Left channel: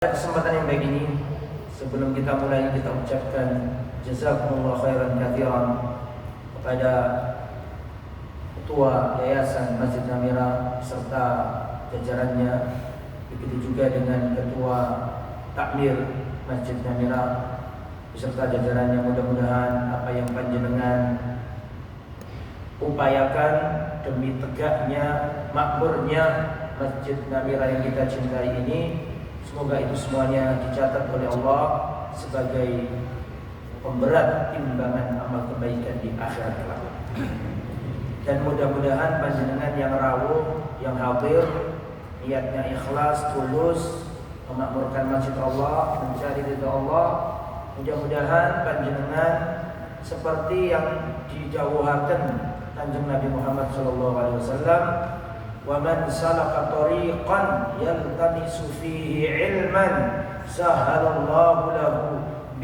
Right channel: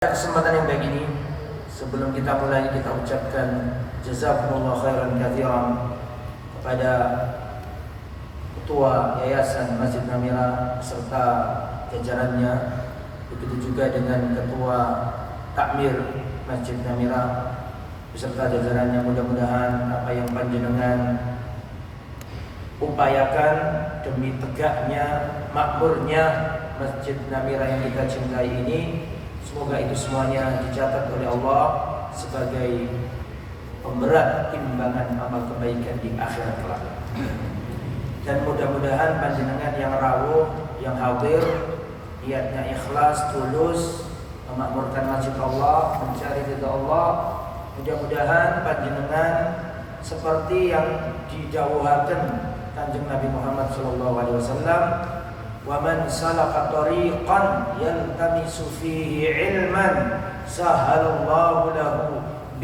Kesempatan yang baik ini, sebelum kita mulai, kita ucapkan jazakumullah khairan katsiran kepada Ketua Yayasan Masjid Namira serta jajarannya, begitu juga dengan Ketua Takmir Masjid Namira beserta jajarannya. Mudah-mudahan apa yang panjenengan upayakan demi tegaknya, makmurnya Masjid Namira yang kita cintai ini, semoga itu semuanya dicatat oleh Allah sebagai pemberat timbangan amal kebaikan di akhirat kelak. Dan mudah-mudahan panjenengan yang rawuh, yang hadir, niatnya ikhlas, tulus, memakmurkan masjid Allah, mencari ridha Allah. Mudah-mudahan panjenengan seperti yang didhawuhaken Kanjeng Nabi Muhammad SAW, وَمَنْ سَلَكَ طَرِيقًا يَلْتَمِسُ فِيهِ عِلْمًا سَهَّلَ اللَّهُ لَهُ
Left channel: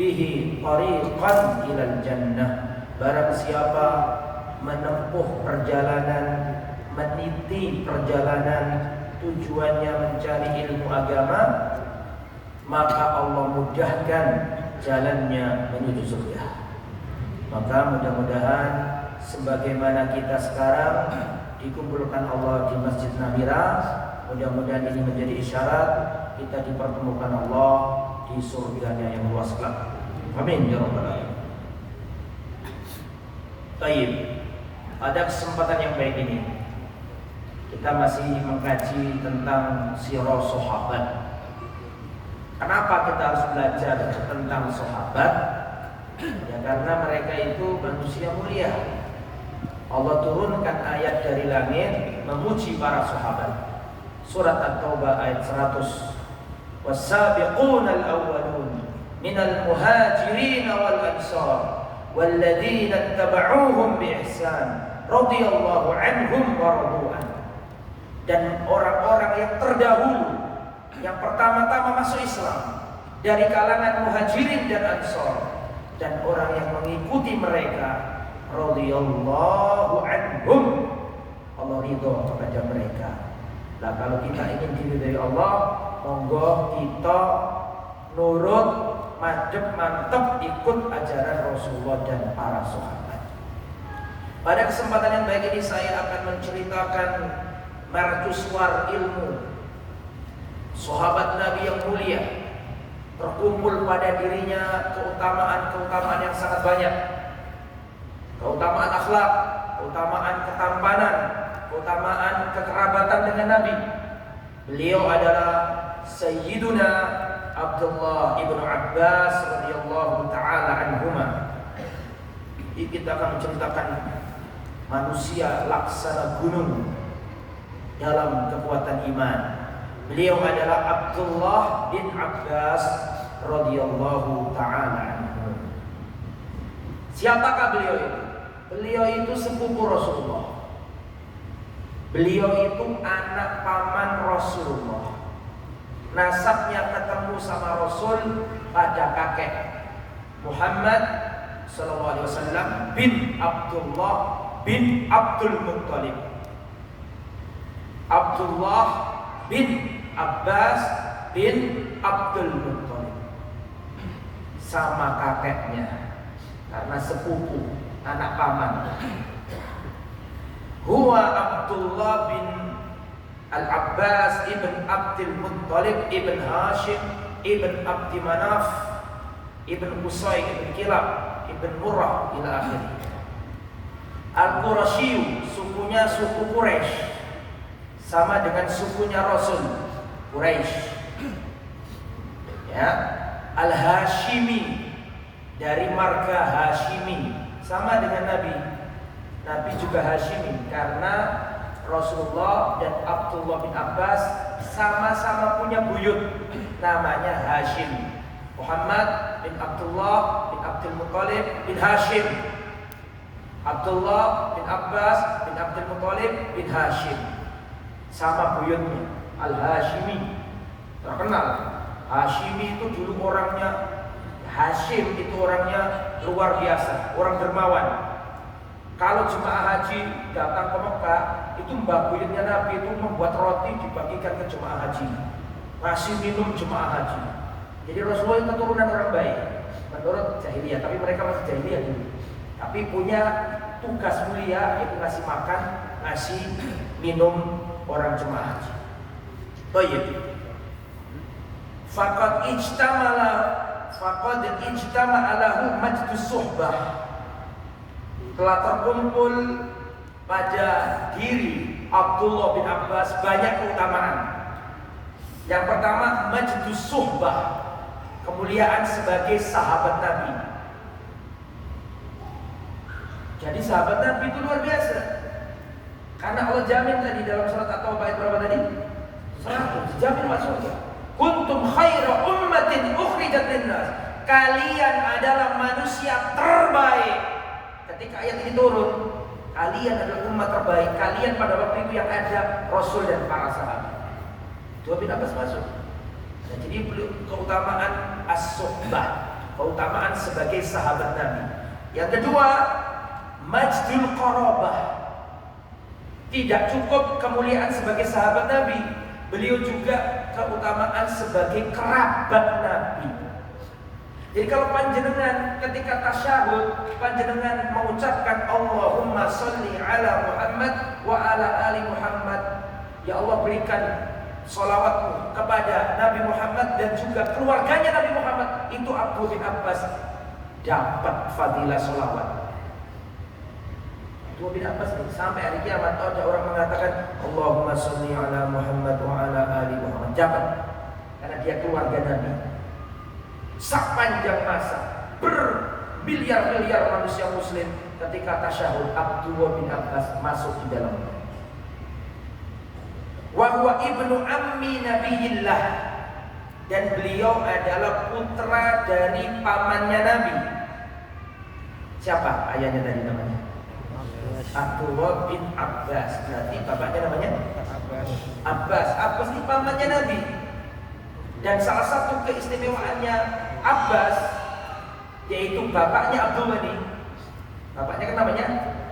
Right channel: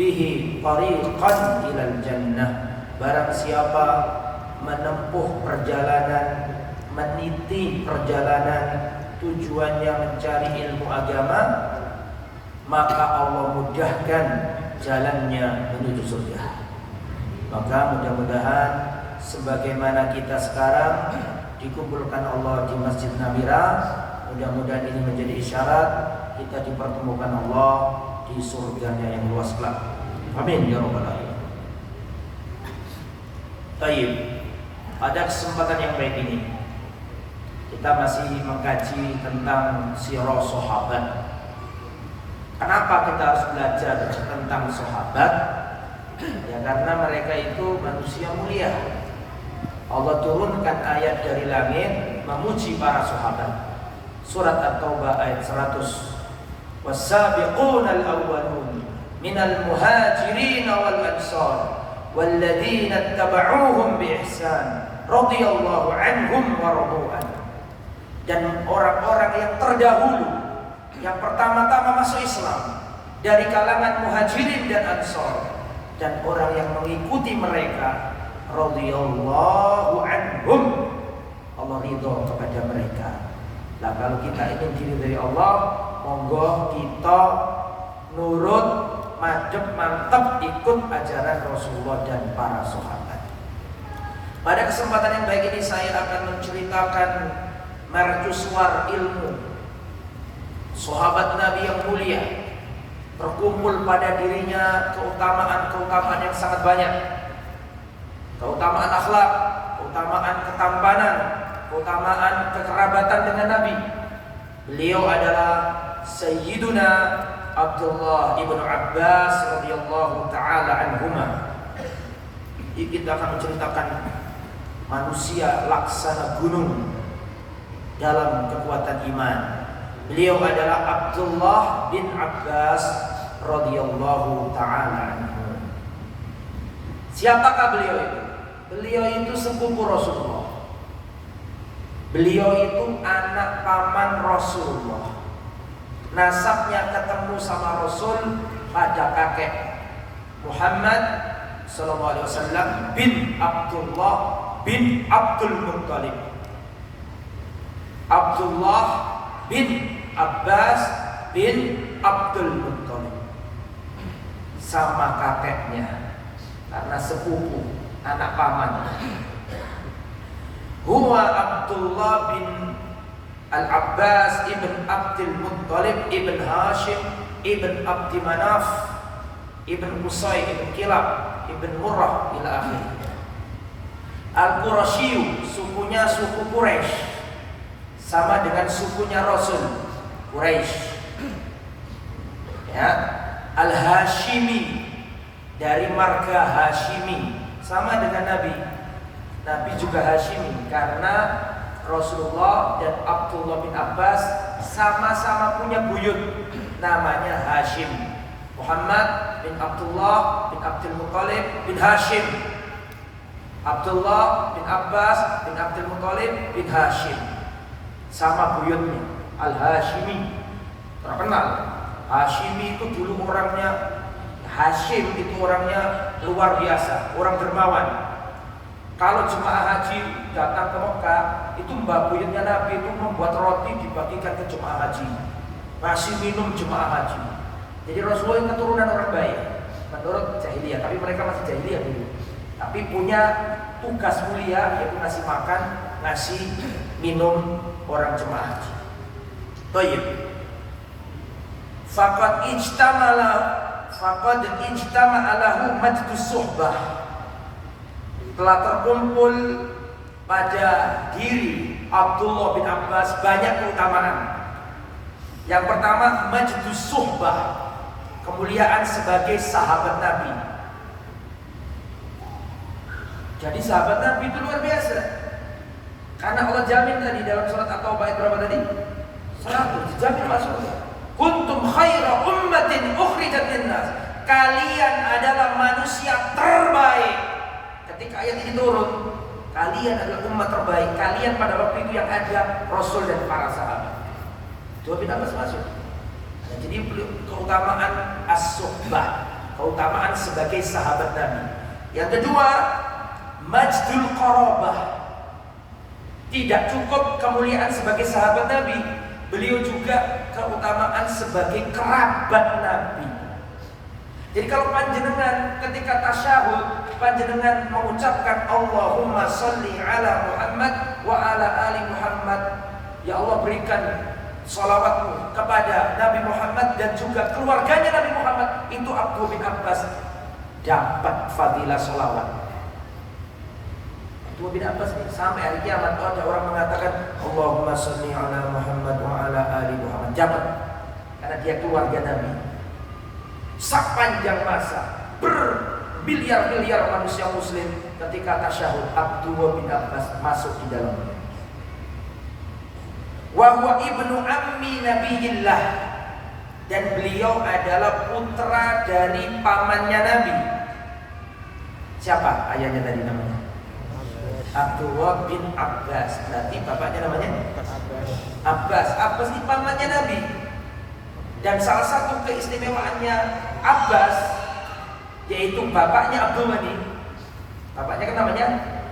بِهِ طَرِيقًا إِلَى الْجَنَّةِ. Barang siapa menempuh perjalanan, meniti perjalanan tujuannya mencari ilmu agama, maka Allah mudahkan jalannya menuju surga. Maka mudah-mudahan sebagaimana kita sekarang dikumpulkan Allah di Masjid Namira, mudah-mudahan ini menjadi isyarat kita dipertemukan Allah di surganya yang luas kelak. Amin ya rabbal alamin. Baik, pada kesempatan yang baik ini kita masih mengkaji tentang sirah sahabat. Kenapa kita harus belajar tentang sahabat? Ya karena mereka itu manusia mulia. Allah turunkan ayat dari langit memuji para sahabat. Surat At-Taubah ayat 100. Was-sabiquna al-awwalun minal muhajirin wal ansar walladzina ittaba'uuhum bi ihsan radhiyallahu anhum wa radu an. Dan orang-orang yang terdahulu, yang pertama-tama masuk Islam dari kalangan muhajirin dan ansar, dan orang yang mengikuti mereka, radhiyallahu anhum, Allah ridho kepada mereka. Nah, kalau kita ingin diridhoi Allah, monggo kita nurut, madhep, mantep ikut ajaran Rasulullah dan para sahabat. Pada kesempatan yang baik ini saya akan menceritakan mercusuar ilmu sahabat Nabi yang mulia. Terkumpul pada dirinya keutamaan-keutamaan yang sangat banyak. Keutamaan akhlak, keutamaan ketampanan, keutamaan kekerabatan dengan Nabi. Beliau adalah Sayyiduna Abdullah ibnu Abbas radhiyallahu taala anhuma. Kita akan menceritakan manusia laksana gunung dalam kekuatan iman. Beliau adalah Abdullah bin Abbas radhiyallahu taala anhu. Siapakah beliau itu? Beliau itu sepupu Rasulullah. Beliau itu anak paman Rasulullah. Nasabnya ketemu sama Rasul pada kakek. Muhammad sallallahu alaihi wasallam bin Abdullah bin Abdul Muttalib. Abdullah bin Abbas bin Abdul Muttalib. Sama kakeknya, karena sepupu, anak paman. Huwa Abdullah bin Al-Abbas ibn Abdul Muttalib ibn Hashim ibn Abdi Manaf ibn Qusay ibn Kilab ibn Murrah ila akhir. Al-Qurashiyu, sukunya suku Quraisy, sama dengan sukunya Rasul, Quraisy. Ya, Al-Hashimi, dari marga Hashimi, sama dengan Nabi. Nabi juga Hashimi karena Rasulullah dan Abdullah bin Abbas sama-sama punya buyut namanya Hashim. Muhammad bin Abdullah bin Abdul Muttalib bin Hashim. Abdullah bin Abbas bin Abdul Muttalib bin Hashim. Sama buyutnya, Al-Hashimi. Terkenal. Hashimi itu dulu orangnya, Hashim itu orangnya luar biasa, orang dermawan. Kalau jemaah haji datang ke Mekah, itu mbah buyutnya Nabi itu membuat roti dibagikan ke jemaah haji. ngasih minum jemaah haji. Jadi Rasulullah itu keturunan orang baik menurut jahiliyah, tapi mereka masih jahiliyah dulu. Tapi punya tugas mulia yaitu ngasih makan, ngasih minum orang jemaah haji. Thayyib. Faqad ijtama'a lahu majdus suhbah. Telah terkumpul pada diri Abdullah bin Abbas banyak keutamaan. Yang pertama, majdus suhbah, kemuliaan sebagai sahabat Nabi. Jadi sahabat Nabi itu luar biasa. Karena Allah jamin tadi dalam surat At-Taubah ayat berapa tadi? 100, jamin masuk surga. Kuntum khaira ummatin ukhrijat linnas. Kalian adalah manusia terbaik. Ketika ayat ini turun, kalian adalah umat terbaik. Kalian pada waktu itu yang ada Rasul dan para sahabat. Dua bin Abbas masuk. Nah, jadi keutamaan as-suhbah, keutamaan sebagai sahabat Nabi. Yang kedua, majdul qarabah. Tidak cukup kemuliaan sebagai sahabat Nabi, beliau juga keutamaan sebagai kerabat Nabi. Jadi kalau panjenengan ketika tasyahud, panjenengan mengucapkan Allahumma sholli ala Muhammad wa ala ali Muhammad, ya Allah berikan sholawatmu kepada Nabi Muhammad dan juga keluarganya Nabi Muhammad, itu Abdullah bin Abbas dapat fadilah sholawat. Abdullah bin Abbas nih, sampai hari kiamat ada orang mengatakan Allahumma sholli ala Muhammad wa ala ali Muhammad, dapat, karena dia keluarga Nabi. Sepanjang masa bermiliar-miliar manusia muslim ketika tasyahud, Abdullah bin Abbas masuk di dalamnya. Wa huwa ibnu ammi nabiyillah, dan beliau adalah putra dari pamannya Nabi. Siapa ayahnya tadi namanya? Abdullah bin Abbas. Berarti bapaknya namanya Abbas. Abbas ini pamannya Nabi. Dan salah satu keistimewaannya Abbas, yaitu bapaknya Abdullah ini, bapaknya kan namanya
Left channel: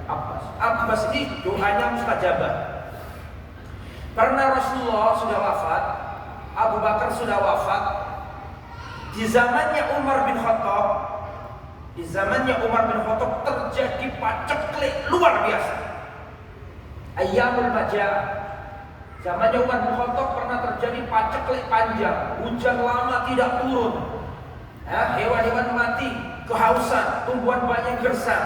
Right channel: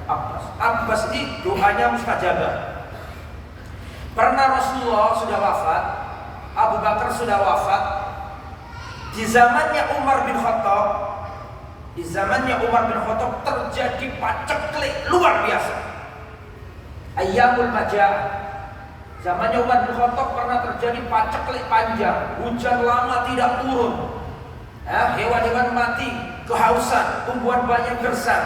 Abbas. Abbas ini doanya mustajabah. Pernah Rasulullah sudah wafat, Abu Bakar sudah wafat, di zamannya Umar bin Khattab, terjadi paceklik luar biasa. Ayyamul Majah. Zamannya Umar bin Khattab pernah terjadi paceklik panjang, hujan lama tidak turun, hewan-hewan mati, kehausan, tumbuhan banyak gersang.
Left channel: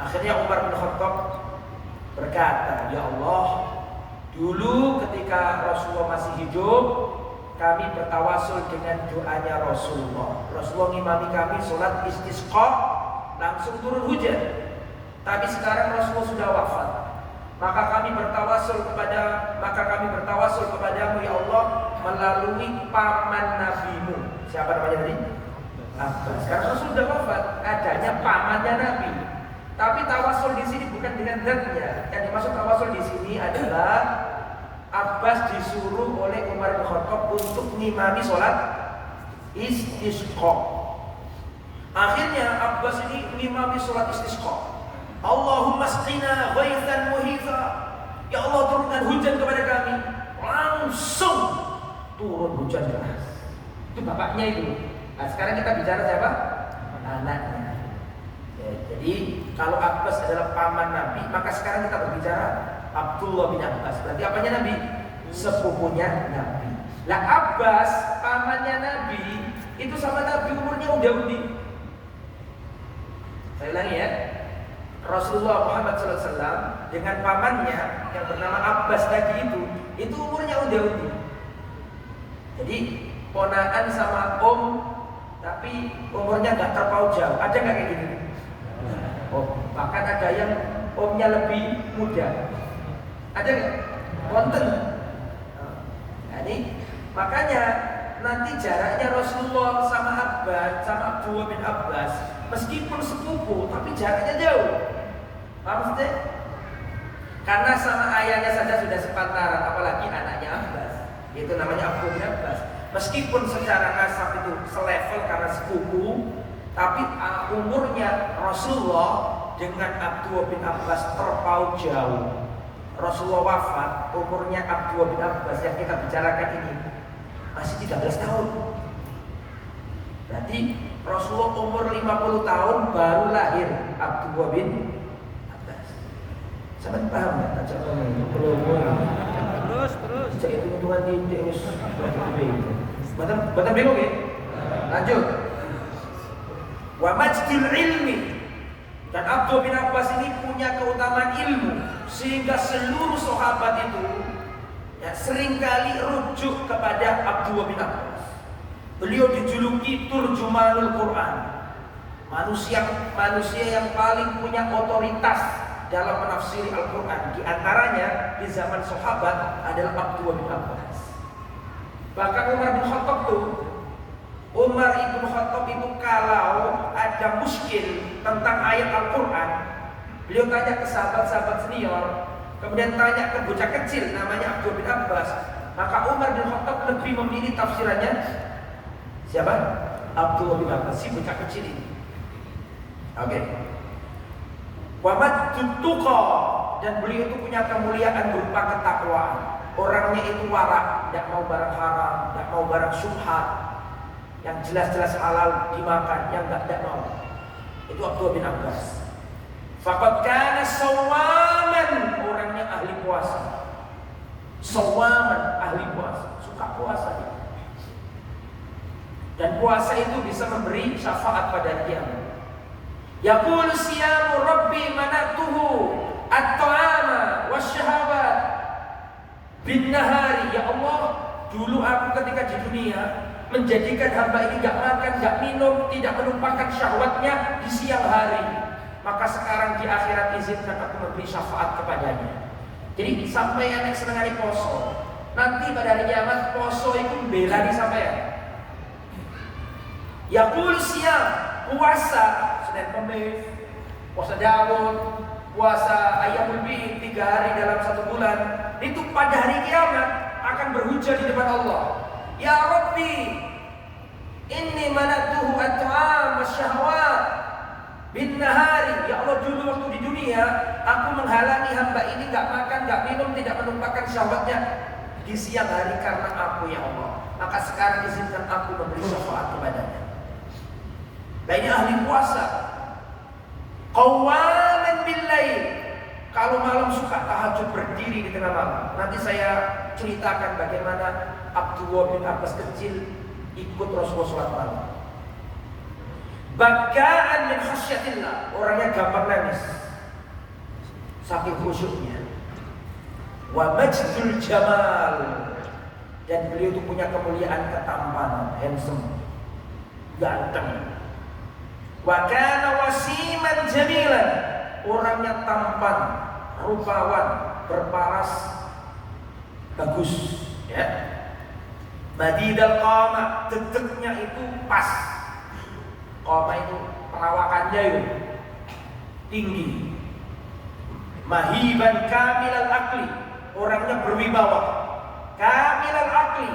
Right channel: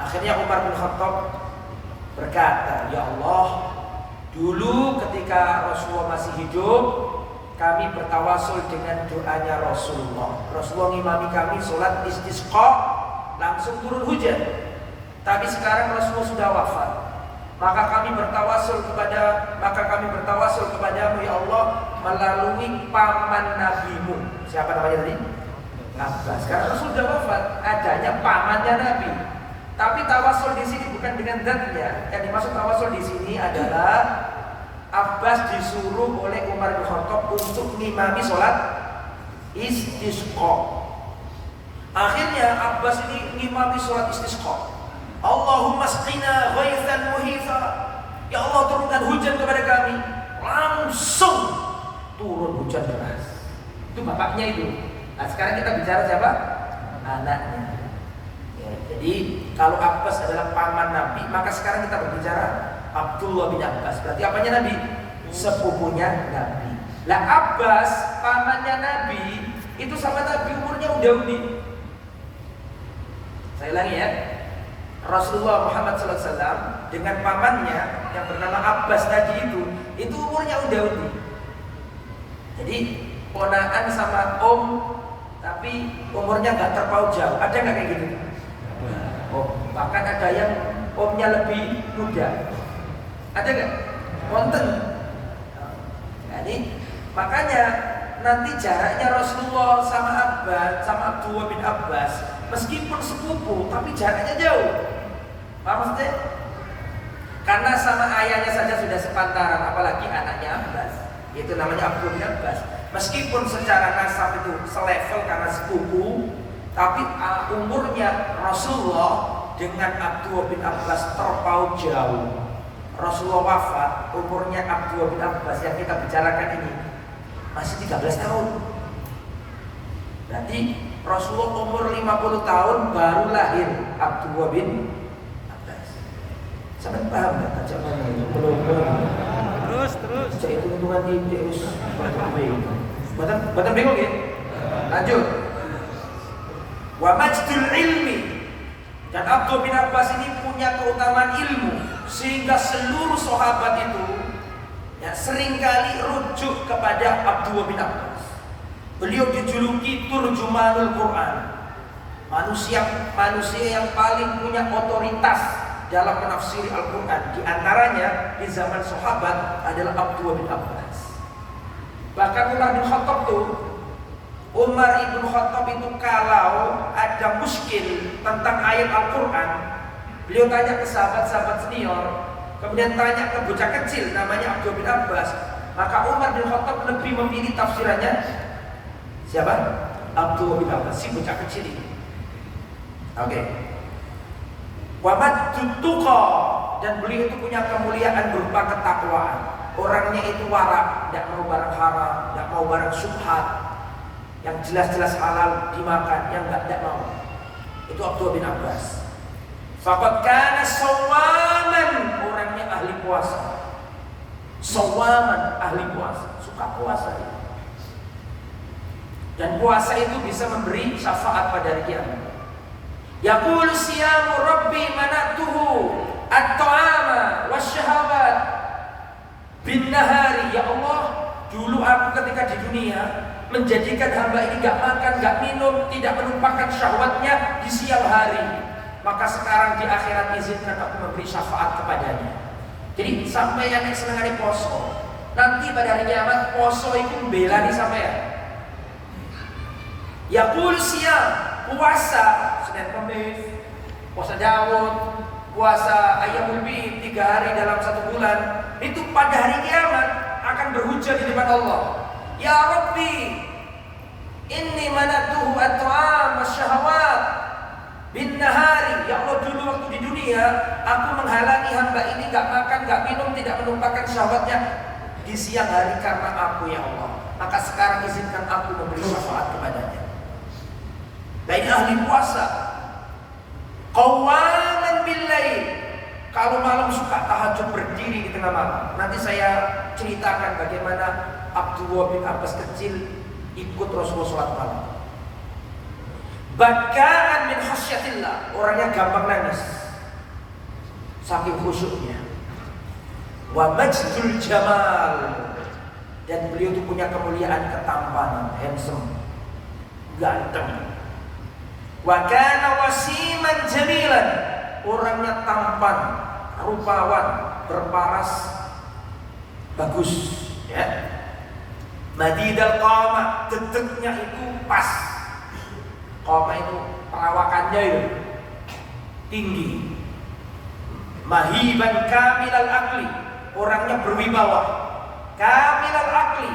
Akhirnya Umar bin Khattab berkata, ya Allah, dulu ketika Rasulullah masih hidup, kami bertawasul dengan doanya Rasulullah. Rasulullah ngimami kami sholat istisqa, langsung turun hujan. Tapi sekarang Rasulullah sudah wafat, maka kami bertawasul kepadamu ya Allah melalui paman nabimu. Siapa namanya tadi? Abbas. Karena Rasul sudah wafat, adanya pamannya Nabi. Tapi tawasul di sini bukan dengan zatnya. Yang dimaksud tawasul di sini adalah Abbas disuruh oleh Umar bin Khattab untuk ngimami sholat istisqa. Akhirnya Abbas ini ngimami sholat istisqa. Allahumma asqina ghaithan muhitha, ya Allah turunkan hujan kepada kami. Langsung turun hujan deras. Itu bapaknya itu. Nah sekarang kita bicara siapa? Anaknya. Ya, jadi kalau Abbas adalah paman Nabi, maka sekarang kita berbicara Abdullah bin Abbas. Berarti apanya Nabi? Sepupunya Nabi. Lah Abbas pamannya Nabi itu sama Nabi umurnya udah udi. Saya ulangi ya. Rasulullah Muhammad SAW dengan pamannya yang bernama Abbas tadi itu umurnya udah udi. Jadi ponakan sama om, tapi umurnya nggak terpaut jauh. Ada nggak kayak gitu? Oh, bahkan ada yang omnya lebih muda. Ada nggak? Wonten. Jadi makanya nanti jaraknya Rasulullah sama Abbas, sama Abdullah bin Abbas, meskipun sepupu, tapi jaraknya jauh. Paham maksudnya? Karena sama ayahnya saja sudah sepantaran, apalagi anaknya Abbas, yaitu namanya Abdullah bin Abbas. Meskipun secara nasab itu selevel karena sepupu, tapi umurnya Rasulullah dengan Abdullah bin Abbas terpaut jauh. Rasulullah wafat, umurnya Abdullah bin Abbas yang kita bicarakan ini masih 13 tahun. Berarti Rasulullah umur 50 tahun baru lahir Abdullah bin Abbas. Sampai paham ya tajam ngomong itu? Belum. Terus. Jadi hitungan ini terus Bahkan bingung ya? Lanjut. Wa majdul ilmi. Dan Abdullah bin Abbas ini punya keutamaan ilmu sehingga seluruh sahabat itu seringkali rujuk kepada Abdullah bin Abbas. Beliau dijuluki turjumanul Quran, manusia yang paling punya otoritas dalam menafsiri Al-Quran. Di antaranya di zaman sahabat adalah Abdullah bin Abbas. Bahkan Umar ibn Khattab itu kalau ada muskil tentang ayat Al-Quran, beliau tanya ke sahabat-sahabat senior, kemudian tanya ke bocah kecil namanya Abdullah bin Abbas. Maka Umar bin Khattab lebih memilih tafsirannya siapa? Abdullah bin Abbas, si bocah kecil ini. Oke. Wa maddutuqa, dan beliau itu punya kemuliaan berupa ketakwaan. Orangnya itu warak, tidak mau barang haram, tidak mau barang syubhat, yang jelas-jelas halal dimakan, yang tidak mau. Itu Abdullah bin Abbas. Faqad kana sawaman, orangnya ahli puasa. Sawaman, ahli puasa, suka puasa. Dan puasa itu bisa memberi syafaat pada hari kiamat. Yaqul siyamu rabbi manatuhu at-ta'ama wasyahawat bin nahari. Ya Allah, dulu aku ketika di dunia menjadikan hamba ini gak makan, gak minum, tidak menumpahkan syahwatnya di siang hari. Maka sekarang di akhirat izinkan aku memberi syafaat kepadanya. Jadi sampai yang senang hari poso, nanti pada hari kiamat poso itu membela nih sampai ya. Yaqul siyam, puasa Senin Kamis, puasa Daud, puasa Ayyamul Bid 3 hari dalam 1 bulan, itu pada hari kiamat akan berhujah di depan Allah. Ya Rabbi, inni manatuhu at-ta'am wasyahawat bin nahari. Ya Allah, dulu waktu di dunia aku menghalangi hamba ini gak makan, gak minum, tidak menumpahkan syahwatnya di siang hari karena aku, ya Allah. Maka sekarang izinkan aku memberi syafaat kepadanya. Dan ini ahli puasa. Qawaman bil lail, kalau malam suka tahajud berdiri di tengah malam. Nanti saya ceritakan bagaimana Abdullah bin Abbas kecil ikut Rasulullah sholat malam. Bakaan min khasyatillah, orangnya gampang nangis saking khusyuknya. Wa majdul jamal, dan beliau itu punya kemuliaan ketampanan, handsome, ganteng. Wa kana wasiman jamilan, orangnya tampan, rupawan, berparas, bagus, ya. Madidal qama, dedeknya itu pas. Qama itu perawakannya itu tinggi. Mahiban kamilal akli, orangnya berwibawa. Kamilal akli,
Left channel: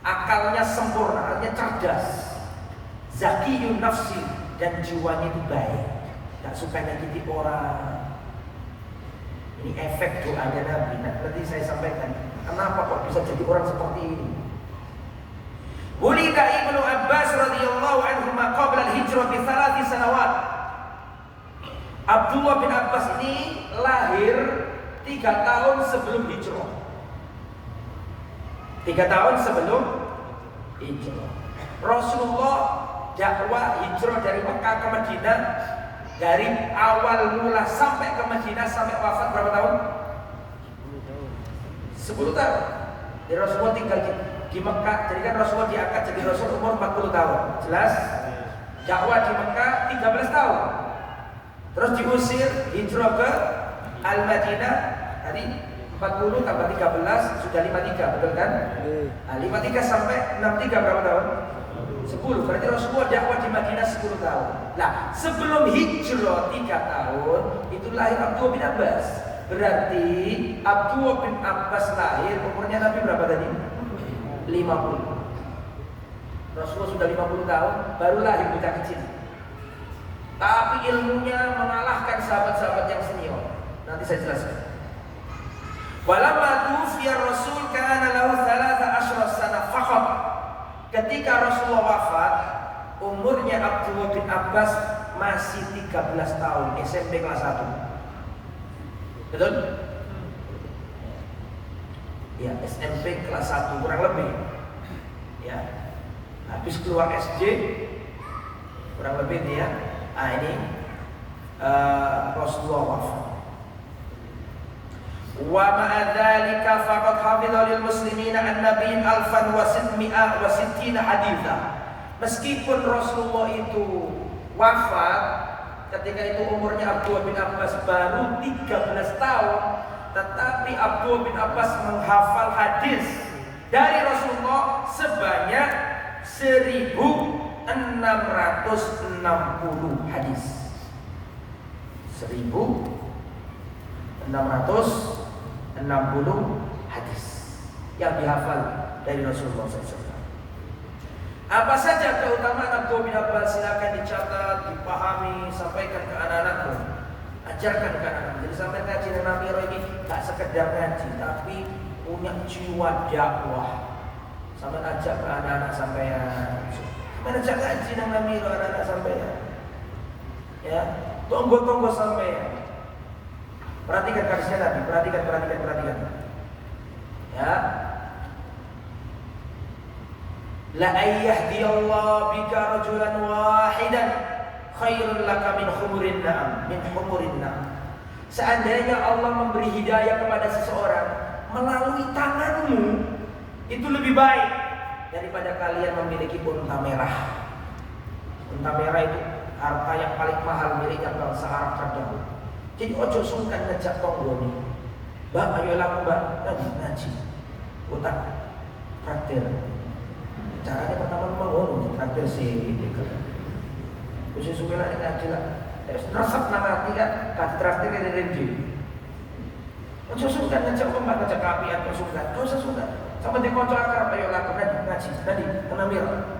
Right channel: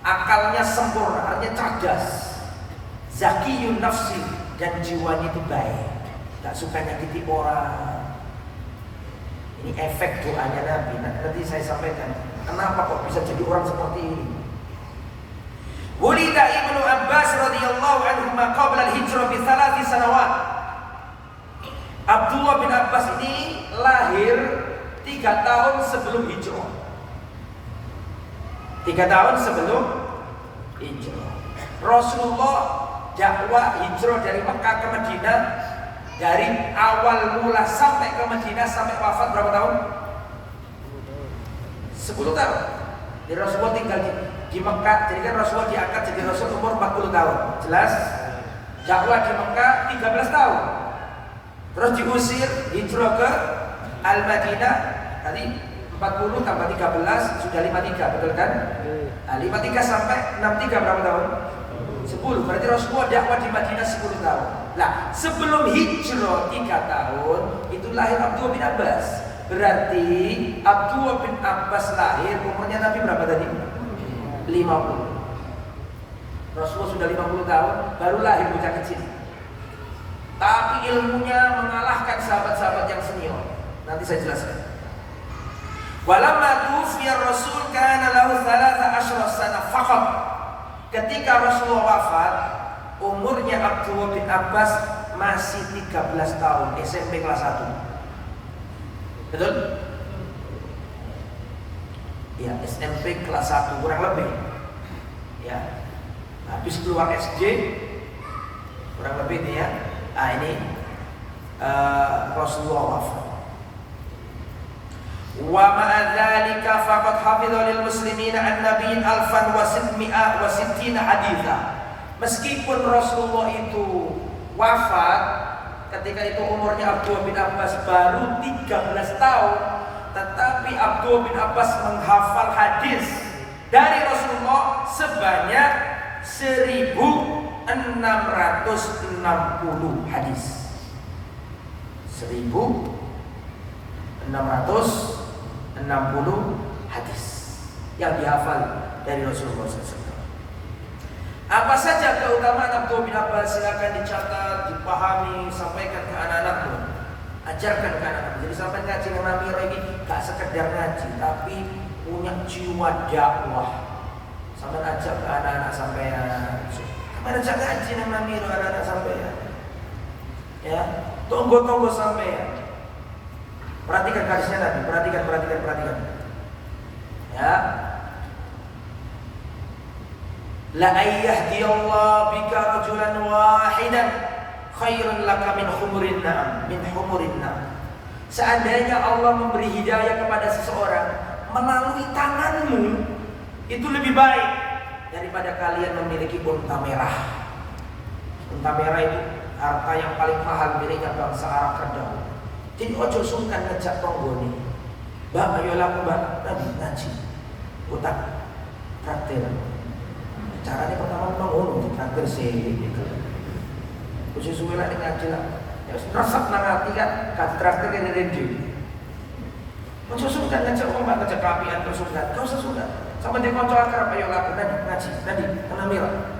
akalnya sempurna, artinya cerdas. Zakiyun nafsi, dan jiwanya itu baik, tak suka nyakiti orang. Ini efek doanya Nabi. Nanti saya sampaikan kenapa kok bisa jadi orang seperti ini. Wulida Ibnu Abbas radhiyallahu anhu qabla al-hijrah bi 3 sanawat. Abdullah bin Abbas ini lahir 3 tahun sebelum hijrah. 3 tahun sebelum hijrah. Rasulullah dakwah hijrah dari Mekah ke Madinah, dari awal mula sampai ke Madinah sampai wafat berapa tahun? 10 tahun. Jadi Rasulullah tinggal di Mekah, jadi kan Rasulullah diangkat jadi Rasul umur 40 tahun. Jelas? Dakwah di Mekah 13 tahun. Terus diusir, hijrah ke Al-Madinah, tadi 40 tambah 13 sudah 53, betul kan? 53 sampai 63 berapa tahun? 10. Berarti Rasulullah dakwah di Madinah 10 tahun. Nah, sebelum hijrah 3 tahun itu lahir Abdullah bin Abbas. Berarti Abdullah bin Abbas lahir umurnya Nabi berapa tadi? 50. Rasulullah sudah 50 tahun baru lahir bocah kecil. Tapi ilmunya mengalahkan sahabat-sahabat yang senior. Nanti saya jelaskan. Walamma tufiya Rasul kana lahu 13 sana faqat. Ketika Rasulullah wafat, umurnya Abdullah bin Abbas masih 13 tahun, SMP kelas 1. Betul? Ya, SMP kelas 1 kurang lebih. Ya. Habis keluar SD kurang lebih nih ya. Ini Rasulullah wafat. Wa ma'a dzalika faqad hafidha lil muslimina an-nabiy 1660 haditsa. Meskipun Rasulullah itu wafat ketika itu umurnya Abdullah bin Abbas baru 13 tahun, tetapi Abdullah bin Abbas menghafal hadis dari Rasulullah sebanyak 1660 hadis. 1660 hadis yang dihafal dari Rasulullah SAW. Apa saja keutamaan Abdullah bin Abbas? Silakan dicatat, dipahami, sampaikan ke anak-anakmu, ajarkan ke anak-anakmu. Jadi sampai ngaji dengan Miro ini gak sekedar ngaji, tapi punya jiwa dakwah. Sampai ajak ke anak-anak sampean, sampai ajak ngaji dengan Miro anak-anak sampean. Ya, tunggu sampean. Perhatikan hadisnya Nabi, perhatikan. Ya. La ayyahdiyallahu bika rajulan wahidan khairun laka min humurin na'am. Seandainya Allah memberi hidayah kepada seseorang melalui tanganmu, itu lebih baik daripada kalian memiliki unta merah. Unta merah itu harta yang paling mahal miliknya bangsa Arab terdahulu. Jadi ojo sungkan ngejak tonggo nih. Mbak, ayo laku mbak, Nabi ngaji utak traktir. Caranya pertama ngono traktir sih gitu. Khusus suwe lek ngaji lah. Terus resep nang ati kan traktir ini rendi. Ojo sungkan ngejak wong mbak ngejak kapian kok sungkan. Kau sungkan. Sama di kanca akrab ayo laku kan ngaji. Tadi kena mira.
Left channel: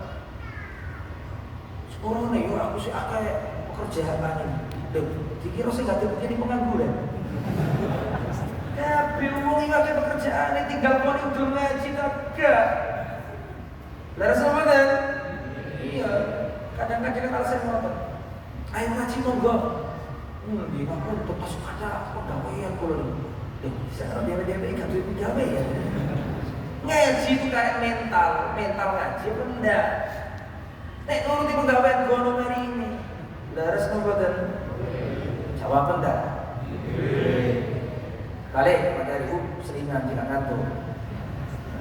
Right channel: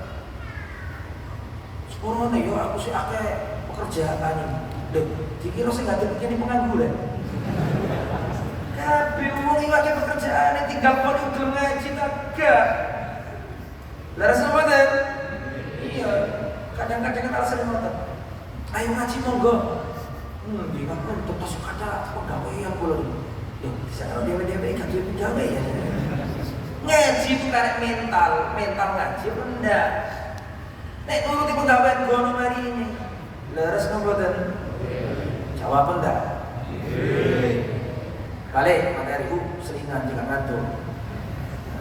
Sepuluh nih yo aku sih akeh pekerjaan ini. Dikira saya nggak begini pengangguran. Tapi uang ini ada pekerjaan, tinggal kau udah ngaji kagak. Lalu sama dan iya, kadang-kadang kan alasan ngotot. Ayo ngaji monggo. Di mana untuk masuk kata pegawaian pulau. Saya dia ikat dia pegawai ya. Ngaji itu karek mental ngaji benda. Nek nuruti pegawaian gono hari ini. Lalu sama dan jawab enggak? Kali materi seringan juga ngantuk.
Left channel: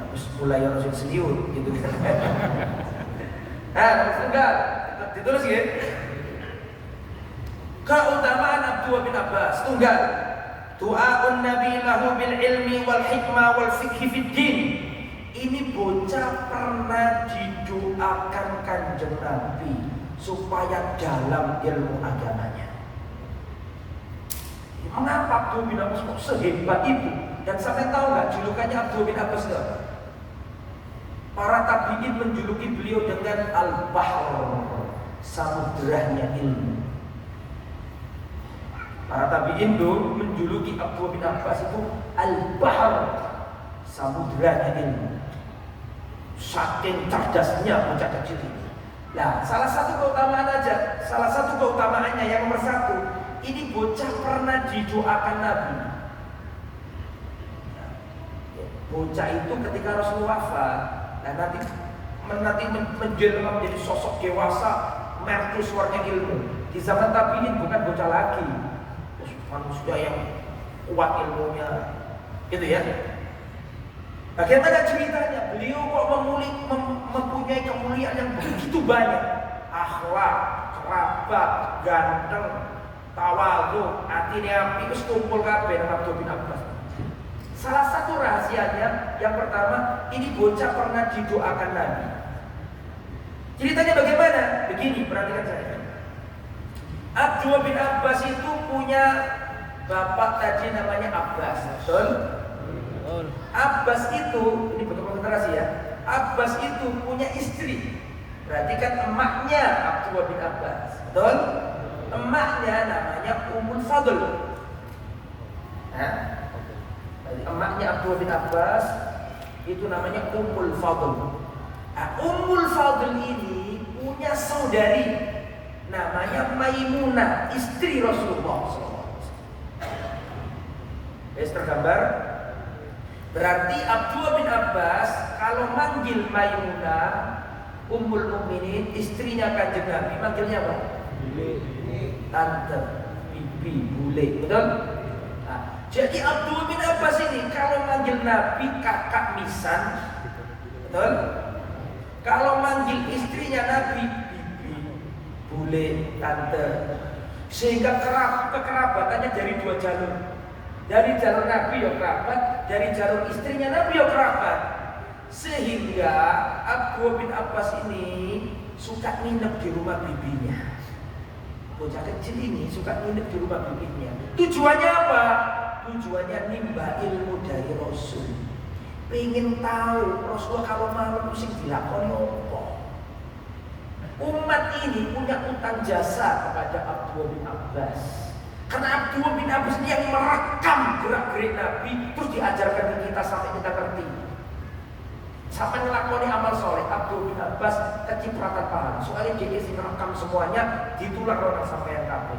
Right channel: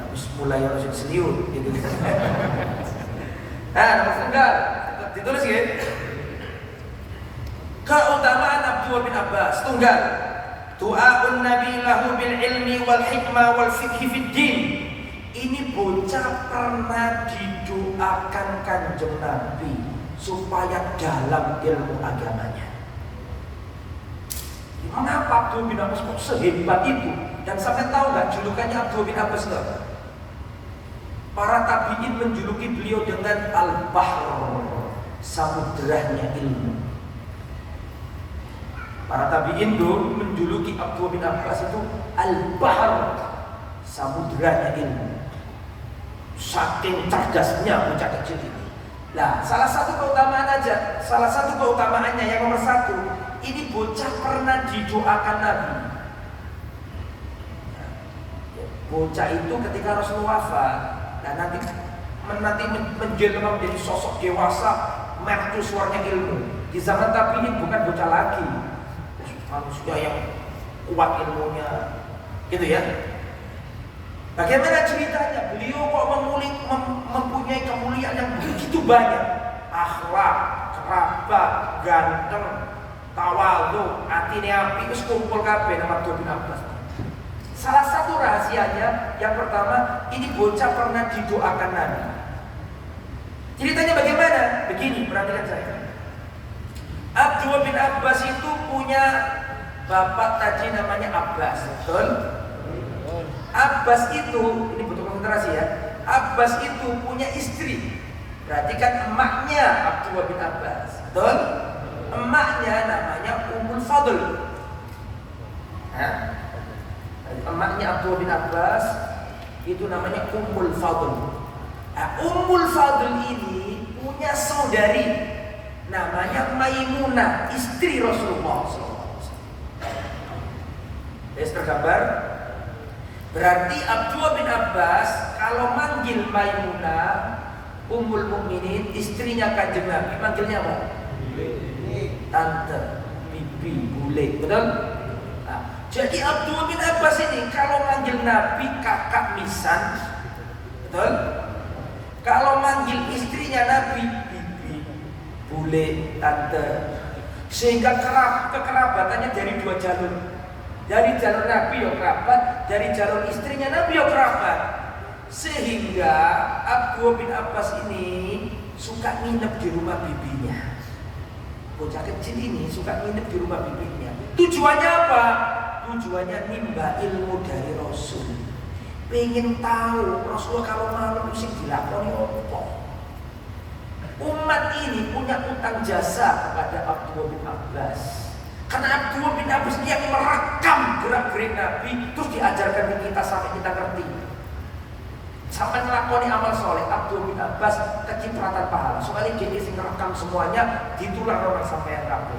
Terus mulai yang langsung serius gitu. Nomor tunggal ditulis ya. Keutamaan Abdullah bin Abbas tunggal. Du'aun Nabi lahu bil ilmi wal hikmah wal fikhi fid din. Ini bocah pernah didoakan Kanjeng Nabi supaya dalam ilmu agamanya. Mengapa Abdullah bin Abbas kok sehebat itu? Dan sampai tahu nggak julukannya Abdullah bin Abbas itu? Para tabi'in menjuluki beliau dengan Al-Bahr, samudranya ilmu. Para tabi'in itu menjuluki Abdullah bin Abbas itu Al-Bahr, samudranya ilmu. Saking cerdasnya bocah kecil ini. Nah, salah satu keutamaannya yang nomor 1. Ini bocah pernah didoakan Nabi. Bocah itu ketika Rasulullah wafat, dan nanti menjelma menjadi sosok dewasa, mercusuarnya ilmu. Di zaman Nabi ini bukan bocah lagi, manusia yang kuat ilmunya, gitu ya. Bagaimana ceritanya? Beliau kok mempunyai kemuliaan yang begitu banyak, akhlak, kerabat, ganteng, tawadhu, atine api, wis kumpul kabeh nama Abdullah bin Abbas. Salah satu rahasianya yang pertama, ini bocah pernah didoakan Nabi. Ceritanya bagaimana? Begini, perhatikan saya. Abdullah bin Abbas itu punya bapak tadi namanya Abbas, betul? Abbas itu, ini betul konsentrasi ya. Abbas itu punya istri. Perhatikan emaknya Abdullah bin Abbas, betul? Emaknya namanya Ummul Fadl. Emaknya Abdullah bin Abbas itu namanya Ummul Fadl. Nah, Ummul Fadl ini punya saudari namanya Maimunah, istri Rasulullah SAW. Tergambar? Berarti Abdullah bin Abbas kalau manggil Maimunah Ummul Mukminin, istrinya Kanjeng Nabi, manggilnya apa? Tante, bibi, bule, betul? Nah, jadi Abdullah bin Abbas ini kalau manggil Nabi kakak misan, betul? Kalau manggil istrinya Nabi bibi, bule, tante, sehingga kekerabatannya dari dua jalur. Dari jalur Nabi ya kerabat, dari jalur istrinya Nabi ya kerabat. Sehingga Abdullah bin Abbas ini suka nginep di rumah bibinya. Bocah kecil ini suka nginep di rumah bibinya. Tujuannya apa? Tujuannya nimba ilmu dari Rasul. Pengen tahu Rasulullah kalau malam mesti dilakoni apa. Umat ini punya utang jasa kepada Abdullah bin Abbas. Karena Abdullah bin Abbas yang merekam gerak-gerik Nabi, terus diajarkan ke kita sampai kita ngerti. Sampai ngelakoni amal soleh, Abdullah bin Abbas kecipratan pahala. Soalnya dia isi merekam semuanya, ditular orang sampai yang kabeh.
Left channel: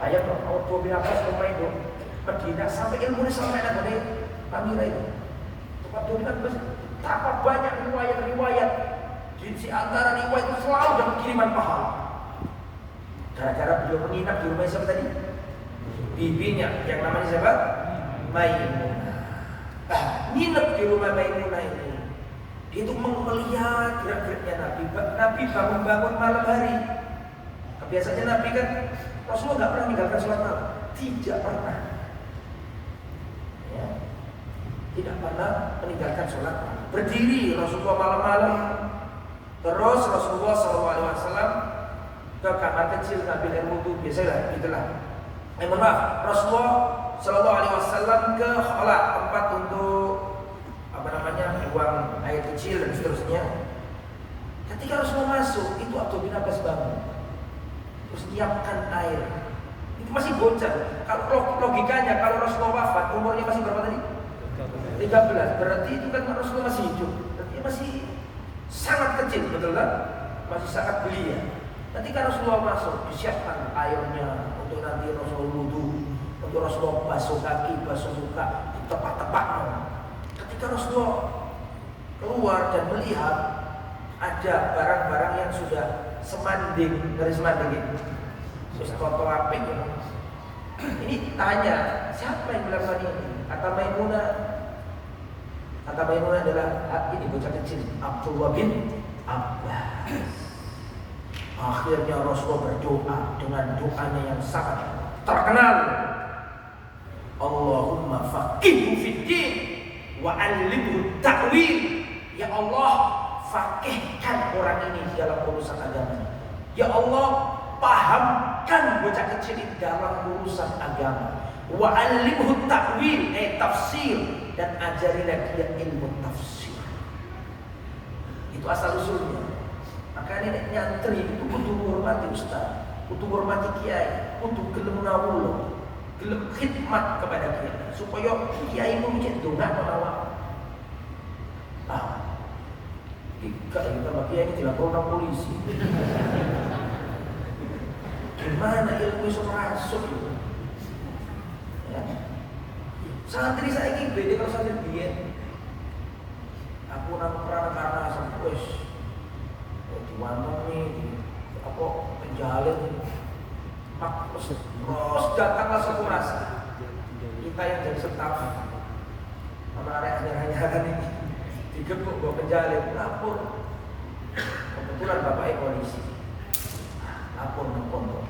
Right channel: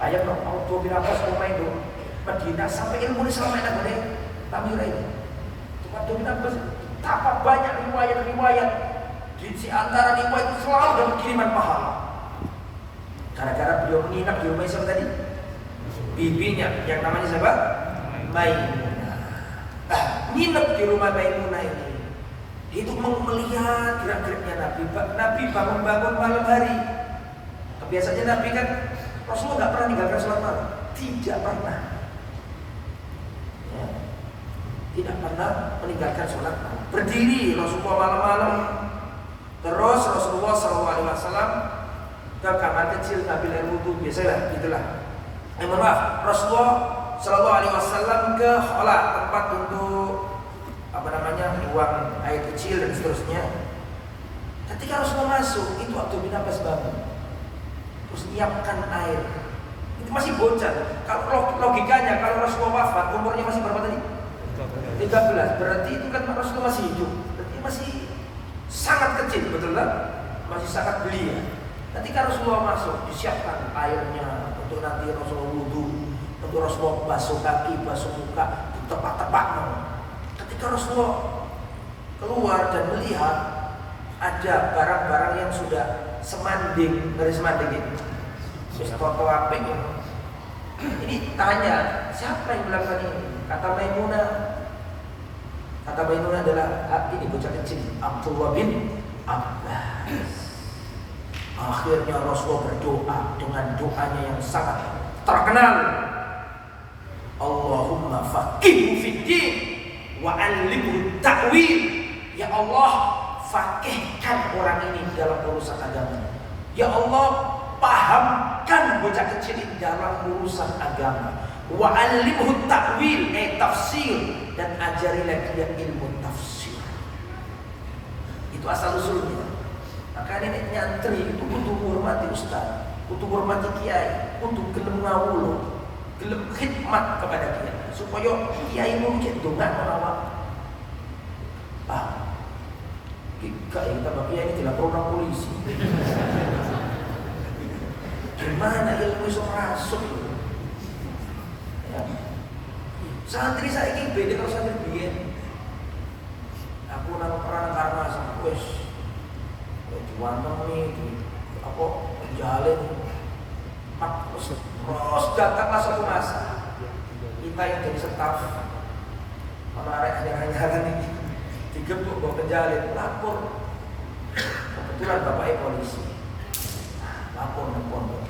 Ayo dong, Abdullah bin Abbas main dong, Madinah sampai ilmu ini sampai ada dari Tamira ini. Abdullah bin Abbas betapa banyak riwayat-riwayat. Di antara riwayat itu selalu dapat kiriman pahala. Gara-gara beliau menginap di rumah siapa tadi? Bibinya, yang namanya siapa? Maimunah. Nah, nginep di rumah Maimunah ini. Itu melihat gerak-geriknya Nabi. Nabi bangun-bangun malam hari. Biasanya Nabi kan Rasulullah nggak pernah meninggalkan sholat malam. Tidak pernah. Ya. Tidak pernah meninggalkan sholat malam. Berdiri Rasulullah malam-malam. Terus Rasulullah SAW ke kamar kecil ambil air wudhu, biasanya gitulah. Mohon maaf, Rasulullah SAW ke khola, tempat untuk buang air kecil dan seterusnya. Ketika Rasulullah masuk, itu Abdullah bin Abbas bangun, terus nyiapkan air. Itu masih bocah. Kalau logikanya, kalau Rasulullah wafat, umurnya masih berapa tadi? 13. Berarti itu kan Rasulullah masih hidup. Berarti masih sangat kecil, betul kan? Masih sangat belia. Ketika Rasulullah masuk, disiapkan airnya untuk nanti Rasulullah wudhu, untuk Rasulullah basuh kaki, basuh muka, ditepak-tepak. Ketika Rasulullah keluar dan melihat ada barang-barang yang sudah semanding, dari semanding ini, terus foto apa ini tanya, siapa yang melakukan ini? Kata Maimunah adalah ini bocah kecil, Abdullah bin Abbas. Akhirnya Rasulullah berdoa dengan doanya yang sangat terkenal. Allahumma faqihhu fiddin wa 'allimhu ta'wil. Ya Allah, faqihkan orang ini dalam urusan agama. Ya Allah, pahamkan bocah kecil ini dalam urusan agama. Wa 'allimhu ta'wil, tafsir, dan ajari lagi dia ilmu tafsir. Itu asal usulnya. Makanya nek nyantri itu kudu hormati ustaz, kudu hormati kiai, kudu gelem ngawula, gelem khidmat kepada kiai supaya kiai mu cek ndongakno awak. Jika ini tambah kiai ini dilaporkan polisi. Gimana ilmu iso masuk? Ya. Santri saiki beda karo santri biyen. Aku nang perang karena wis diwantengi apa penjalin terus datanglah satu masa kita yang jadi staf sama akhir-akhir ini digebuk bawa penjalin, lapor. Kebetulan bapaknya polisi, lapor ke pondok,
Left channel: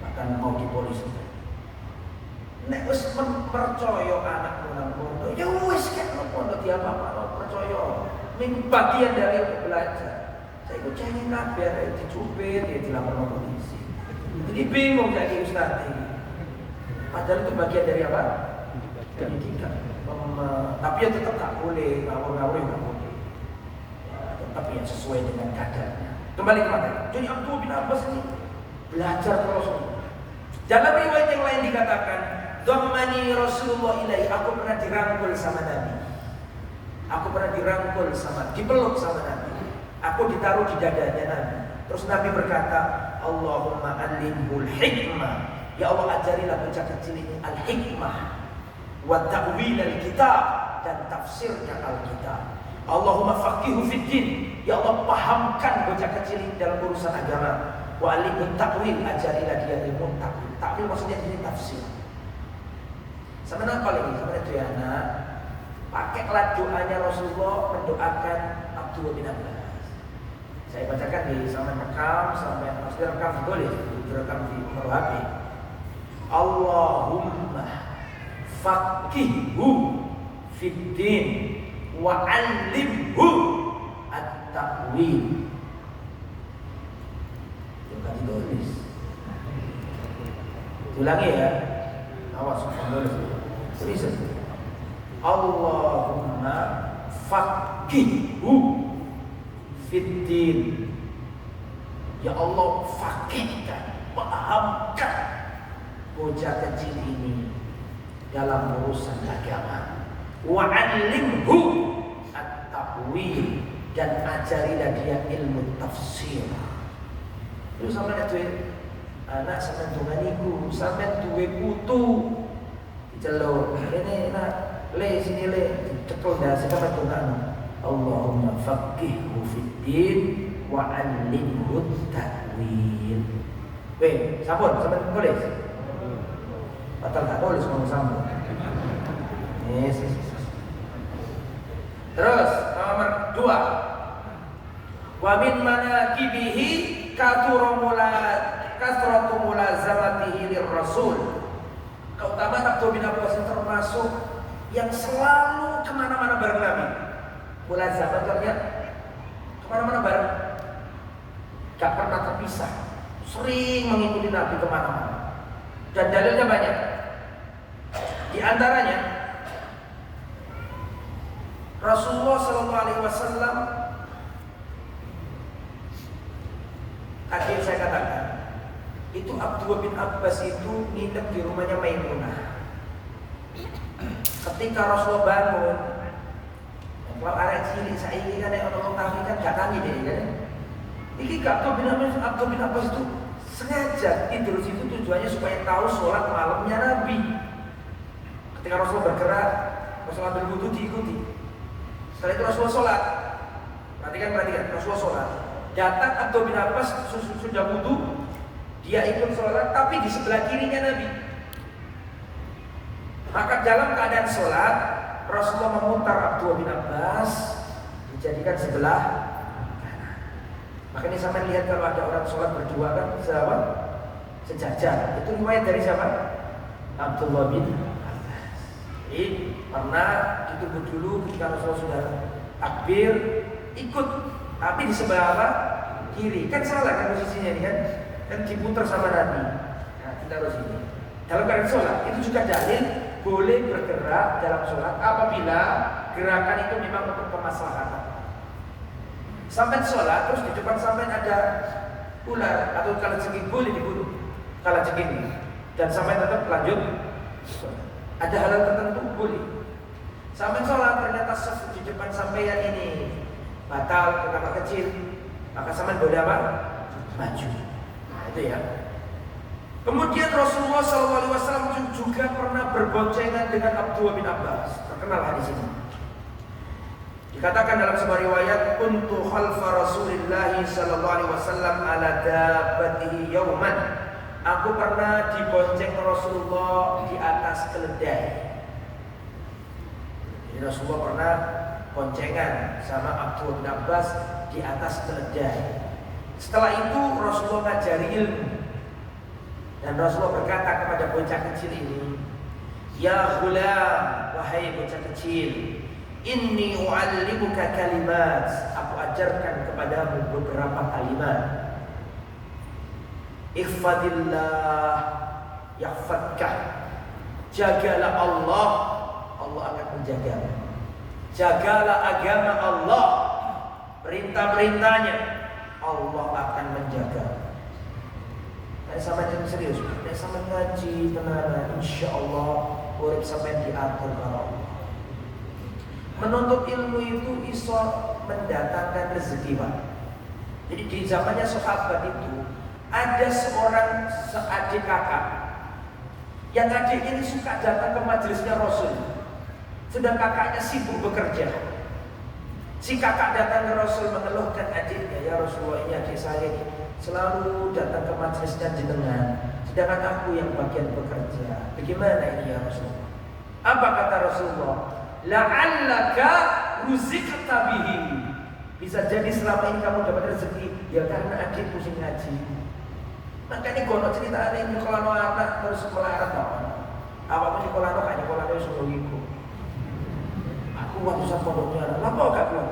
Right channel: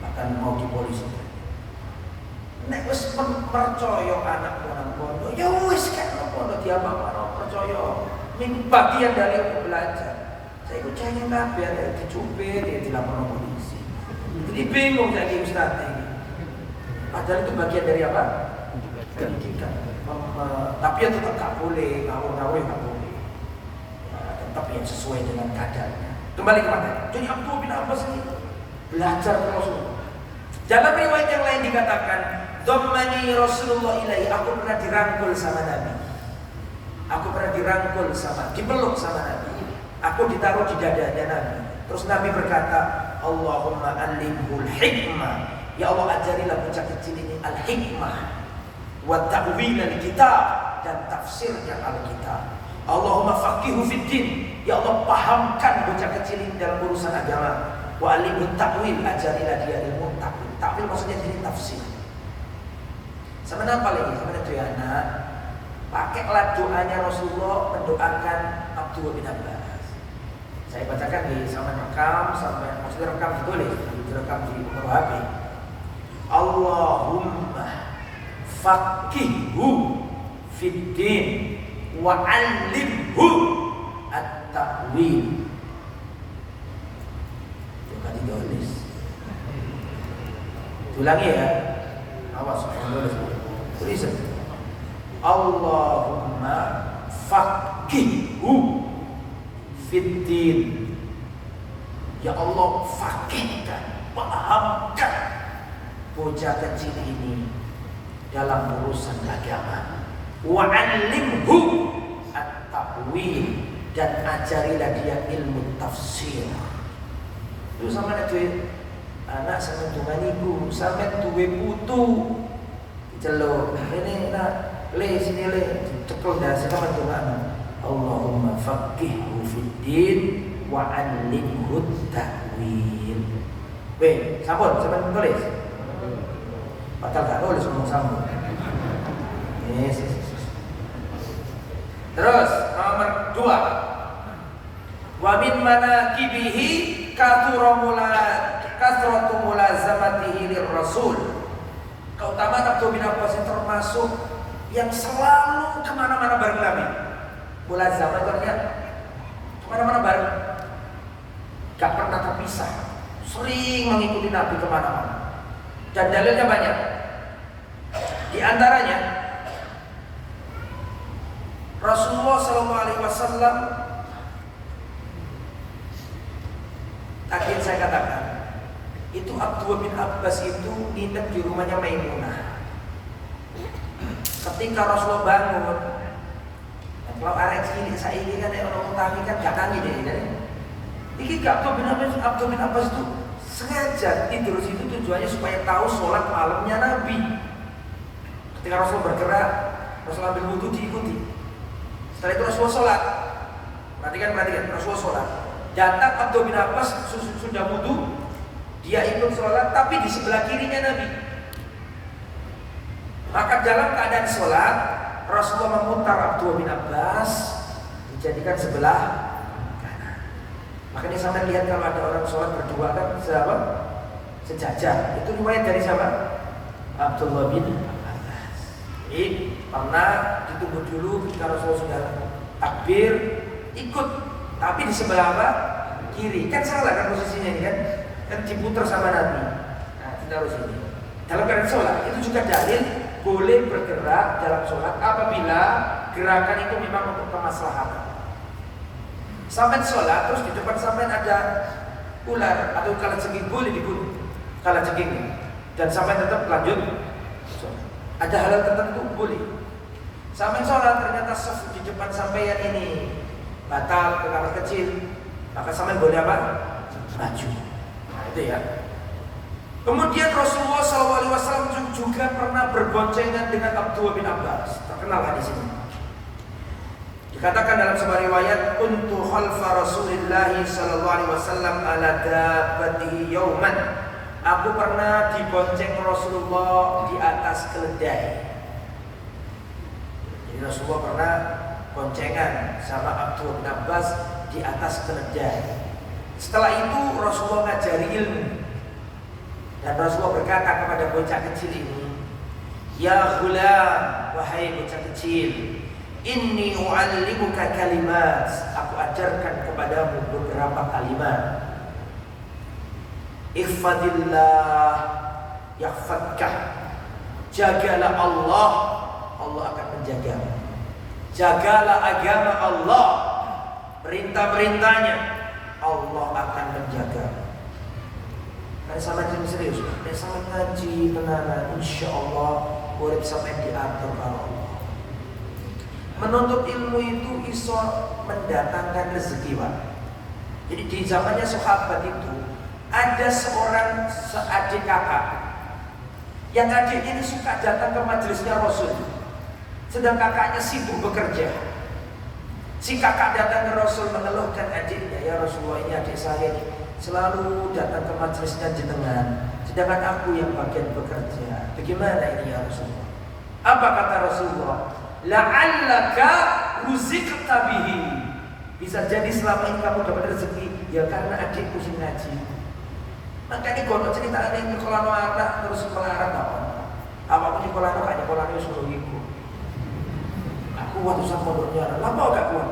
bahkan mau di polisi. Nek wis percaya anak nang pondok, ya wis kan pondok dia bapak percaya. Ini bagian dari untuk belajar. Saya ikut cengeng kabeh, ada dicubit, ya dilapor polisi. Jadi bingung lagi Ustaz ini. Padahal itu bagian dari apa? Pendidikan. Tapi ya tetap tak boleh, ngawur-ngawur tak boleh. Ya, tetap yang sesuai dengan kadarnya. Kembali ke mana? Jadi Abdullah bin Abbas ini belajar ke Rasulullah. Dalam riwayat yang lain dikatakan, dhammani Rasulullah ilaihi, aku pernah dirangkul sama Nabi. Aku pernah dirangkul dipeluk sama Nabi. Aku ditaruh di dadanya Nabi. Terus Nabi berkata, Allahumma allimhul hikmah. Ya Allah, ajarilah bocah kecil ini al-hikmah wa ta'wil al-kitab, dan tafsirkan al-kitab. Allahumma faqihu fid din. Ya Allah, pahamkan bocah kecil ini dalam urusan agama. Wa alimhu ta'wil, ajarilah dia ilmu ta'wil. Ta'wil maksudnya ini tafsir. Sama apa lagi? Sama itu ya anak. Pakailah doanya Rasulullah mendoakan Abdullah bin Abbas. Saya bacakan di sampai rekam, sampai maksudnya rekam ditulis, direkam di HP. Allahumma faqihhu fid din wa 'allimhu at-ta'wil. Coba ditulis. Ulangi ya. Awas tulis. Tulis. Allahumma faqihhu fid din. Ya Allah, faqihkan, pahamkan bocah kecil ini dalam urusan agama. Wa 'allimhu at-ta'wil, dan ajarilah dia ilmu tafsir. Itu sama ada anak sama tunganiku, sama duwe putu celuk ini nak le sini le cekel dah sama tungan. Allahumma faqihhu fid din wa 'allimhu at-ta'wil. Weh, sampun sampean tulis. Padahal tak tulis ngomong sambung. Yes. Terus nomor 2. Wa min manaqibihi kasratu mulazamatihi lirrasul. Keutamaan Abdullah bin Abbas termasuk yang selalu kemana-mana bareng Nabi. Mulazamah artinya kemana-mana bareng, gak pernah terpisah, sering mengikuti Nabi kemana-mana. Dan dalilnya banyak. Di antaranya Rasulullah SAW, tadi saya katakan, itu Abdullah bin Abbas itu nginep di rumahnya Maimunah. Ketika Rasulullah bangun, kalau arek cilik saiki kan orang tangi kan gak tangi deh kan. Iki gak Abdullah bin Abbas itu sengaja tidur situ tujuannya supaya tahu sholat malamnya Nabi. Ketika Rasul bergerak, Rasul ambil wudhu diikuti. Setelah itu Rasul sholat. Perhatikan, Rasul sholat. Datang Abdullah bin Abbas sudah wudhu, dia ikut sholat, tapi di sebelah kirinya Nabi. Maka dalam keadaan sholat, Rasulullah memutar Abdullah bin Abbas, dijadikan sebelah kanan. Makanya sampai lihat kalau ada orang sholat berdua kan sejajar. Itu riwayat dari siapa? Abdullah bin Abbas. Jadi pernah ditunggu dulu ketika Rasulullah sudah takbir, ikut, tapi di sebelah apa? Kiri. Kan salah kan posisinya ini kan? Dan diputar sama Nabi. Nah, kita harus ini. Dalam keadaan sholat itu juga dalil boleh bergerak dalam sholat apabila gerakan itu memang untuk kemaslahatan. Sampai sholat terus di depan sampai ada ular atau kalajengking boleh dibunuh, kalajengking, dan sampai tetap lanjut sholat. Ada hal tertentu boleh. Sampai sholat ternyata di depan sampeyan ini batal ke kamar kecil, maka sampai boleh apa? Maju. Nah itu ya. Kemudian Rasulullah SAW juga pernah berboncengan dengan Abdullah bin Abbas. Terkenal hadis ini. Dikatakan dalam sebuah riwayat, kuntu khalfa Rasulillah SAW ala dabbatihi yauman. Aku pernah dibonceng Rasulullah di atas keledai. Jadi Rasulullah pernah boncengan sama Abdullah bin Abbas di atas keledai. Setelah itu Rasulullah ngajari ilmu. Dan Rasulullah berkata kepada bocah kecil ini, ya ghulam, wahai bocah kecil, inni u'allimuka kalimat, aku ajarkan kepadamu beberapa kalimat. Ihfadillah yahfadkah, jagalah Allah, Allah akan menjagamu. Jagalah agama Allah, perintah-perintahnya, Allah akan menjagamu. sampai serius, sampai ngaji tenanan, insyaallah urip sampai diatur karo Allah. Menuntut ilmu itu iso mendatangkan rezeki, Pak. Jadi di zamannya sahabat itu ada seorang adik kakak yang adik ini suka datang ke majelisnya Rasul, sedang kakaknya sibuk bekerja. Si kakak datang ke Rasul mengeluhkan adiknya, ya Rasulullah, ini adik saya selalu datang ke majelisnya jenengan, sedangkan aku yang bagian bekerja. Bagaimana ini ya Rasulullah? Apa kata Rasulullah? La'allaka ruzikta bihi. Bisa jadi selama ini kamu dapat rezeki ya karena adikku sing ngaji. Makanya kalau cerita ini kalau anak terus melarat apa pun sekolah anak hanya sekolah ini suruh ikut. Aku waktu sama pondoknya, lama gak kuat.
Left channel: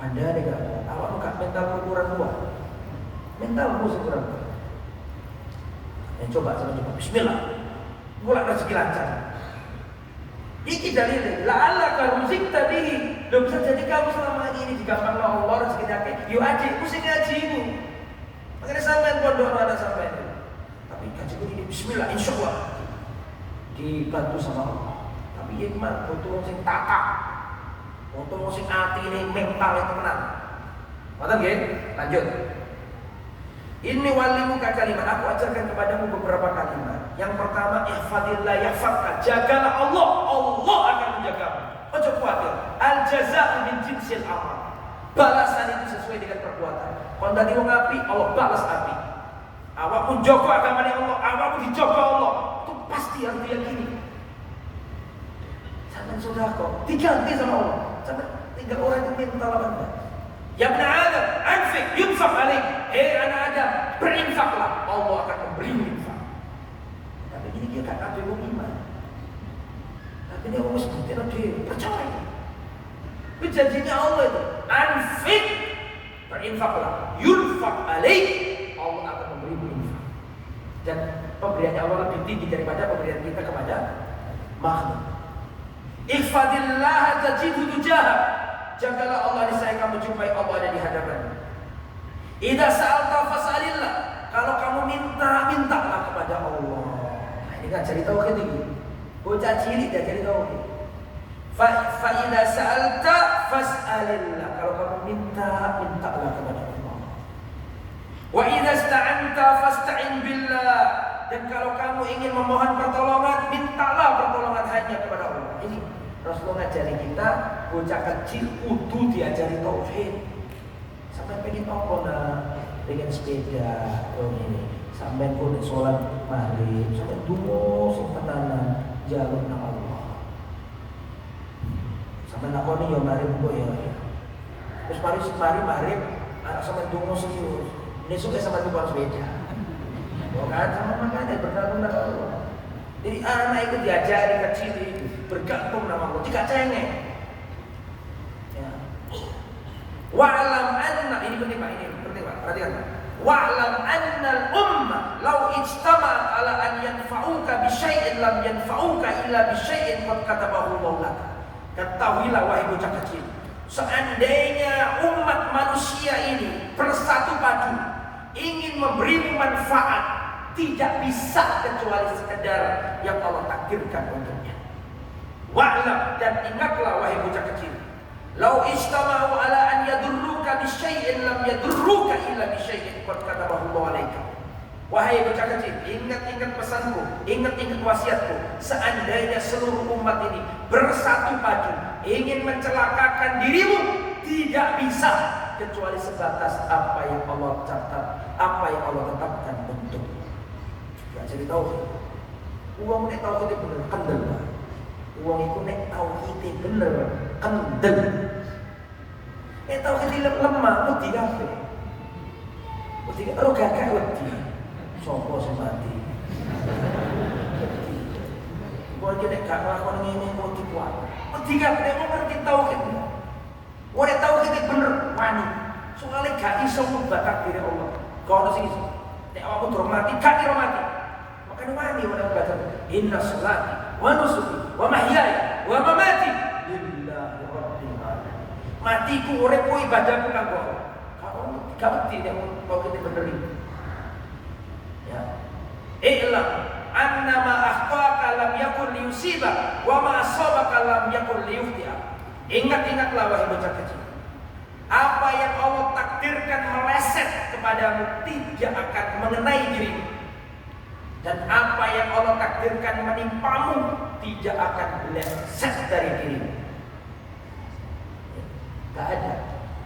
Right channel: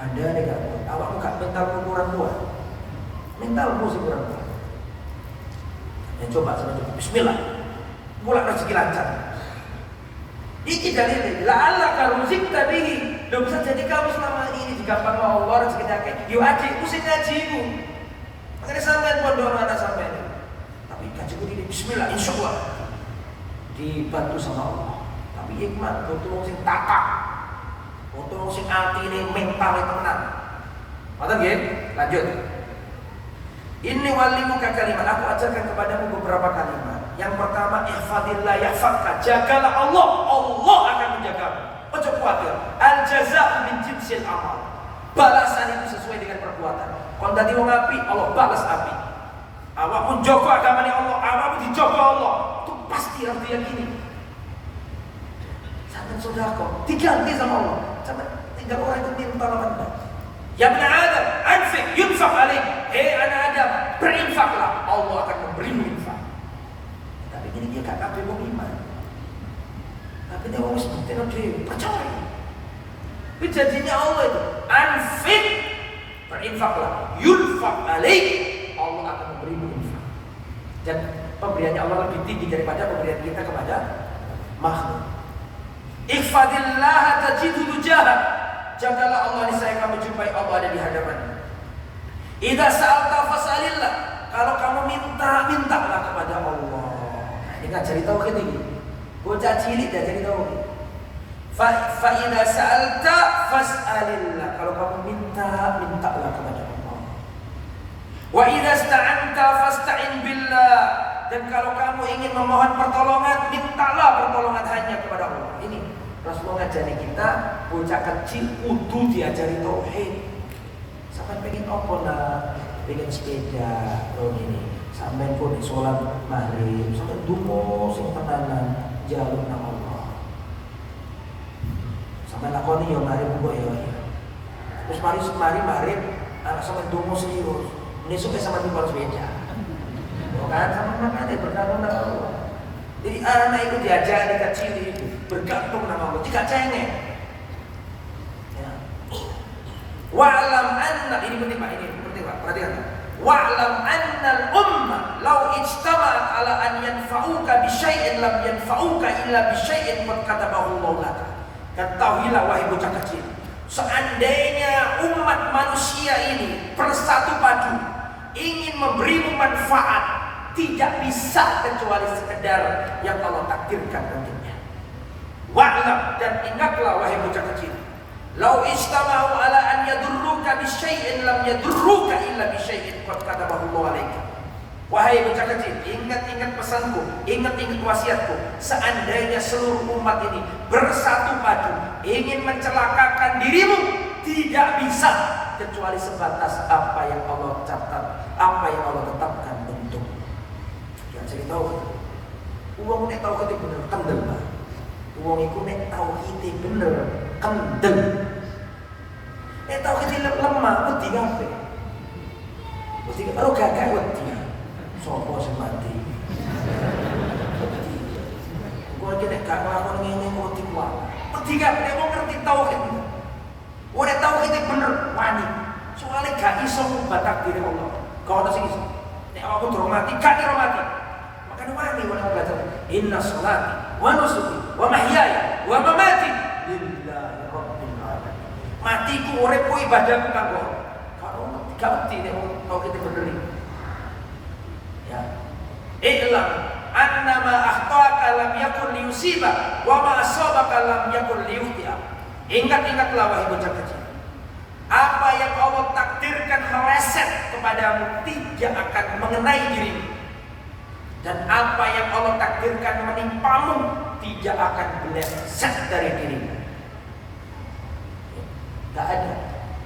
Anda nih gak kuat. Awakmu gak mentalmu kurang kuat. Mentalmu kurang kuat. Coba sama coba. Bismillah. Mulai rezeki lancar. Ini dalilnya. La'allaka ruzikta bihi. Loh, bisa jadi kamu selama ini digampang Allah rezeki akeh. Yo adikku sing ngajimu. Makanya sampean pondok anak sampean. Tapi kajiku ini bismillah insyaallah dibantu sama Allah. Tapi hikmah butuh sing takak. Butuh sing atine mental tenan. Ngoten nggih? Lanjut. Ini walimuka kalimat. Aku ajarkan kepadamu beberapa kalimat. Yang pertama, ihfadillah yahfadka. Jagalah Allah, Allah akan menjagamu. Ojo khawatir. Al jazaa min jinsil amal. Balasan itu sesuai dengan perbuatan. Kon dadi wong api, Allah balas api. Awakmu jaga agamane Allah, awakmu dijaga Allah. Itu pasti harus diyakini. Sampai sedekah diganti sama Allah. Sampai tidak orang itu minta lawan. Ya ibn Adam, anfiq yunfaq alaik. Anak Adam, berinfaklah, Allah akan memberimu infak. Tapi ini dia gak kabeh wong iman. Tapi dia wong seperti percaya. Itu janjinya Allah itu. Anfiq, berinfaklah, yunfaq alaik, Allah akan memberimu infak. Dan pemberiannya Allah lebih tinggi daripada pemberian kita kepada makhluk. Ihfadillah tajidhu tujahak. Jagalah Allah, niscaya kamu jumpai Allah ada di hadapan. Idza sa'alta fas'alillah. Kalau kamu minta, mintalah kepada Allah. Ini ngajari tauhid ini. Bocah cilik ngajari tauhid. Fa idza sa'alta fas'alillah. Kalau kamu minta, mintalah kepada Allah. Wa idza ista'anta fasta'in billah. Dan kalau kamu ingin memohon pertolongan, mintalah pertolongan hanya kepada Allah. Ini Rasulullah ngajari kita, bocah kecil kudu diajari tauhid. Sampai pengen apa nak? Pengen sepeda, ini. Sampai pun sholat maghrib, sampai dungo sempanan jalur nang Allah. Sampai nakoni yo maghrib kok ya. Terus mari maghrib, anak sampai dungo serius. Besok sama dungo sepeda. Bukan sama mana bergantung nang Allah. Jadi anak itu diajari kecil itu bergantung nama Allah. Jika cengeng, ya. Wa'lam anna, ini penting Pak, perhatikan. Wa'lam anna al-umma law ijtama'at ala an yanfa'uka bi syai'in lam yanfa'uka illa bi syai'in qad katabahu Allah laka. Ketahuilah wahai bocah kecil, seandainya umat manusia ini bersatu padu ingin memberimu manfaat, tidak bisa kecuali sekedar yang Allah takdirkan untuknya. Wa'lam, dan ingatlah wahai bocah kecil, lau istama'u ala an yadurruka bi syai'in lam yadurruka illa bi syai'in qad katabahu Allah 'alaika. Wahai bocah kecil, ingat-ingat pesanku, ingat-ingat wasiatku. Seandainya seluruh umat ini bersatu padu ingin mencelakakan dirimu, tidak bisa kecuali sebatas apa yang Allah catat, apa yang Allah tetapkan untukmu. Ya, jadi tahu. Uang nek tahu itu bener kendel, Pak. Uang itu nek tahu itu bener kendel. Nek tahu itu lemah, wedi kabeh. Wedi karo gagak wedi. Sopo sing mati? Gua iki nek gak nglakoni ngene wedi kuwi. Wedi kabeh nek ngerti tauhid. Wong nek tauhid bener wani. Soale gak iso ngubah takdir Allah. Kok ono sing iso. Nek awakmu durung mati, gak kira mati. Makanya wani wong baca inna sholati wa nusuki wa mahyaya wa mamati lillahi rabbil alamin. Matiku uripku ibadahku kanggo Allah. Kalau gak wedi nek tauhid bener. Ya. I'lam annama akhtaka lam yakun liyusiba wa ma asabaka lam yakun liyukhti'a. Ingat-ingatlah wahai bocah kecil, apa yang Allah takdirkan meleset kepadamu tidak akan mengenai dirimu, dan apa yang Allah takdirkan menimpamu tidak akan meleset dari dirimu. Tak ada.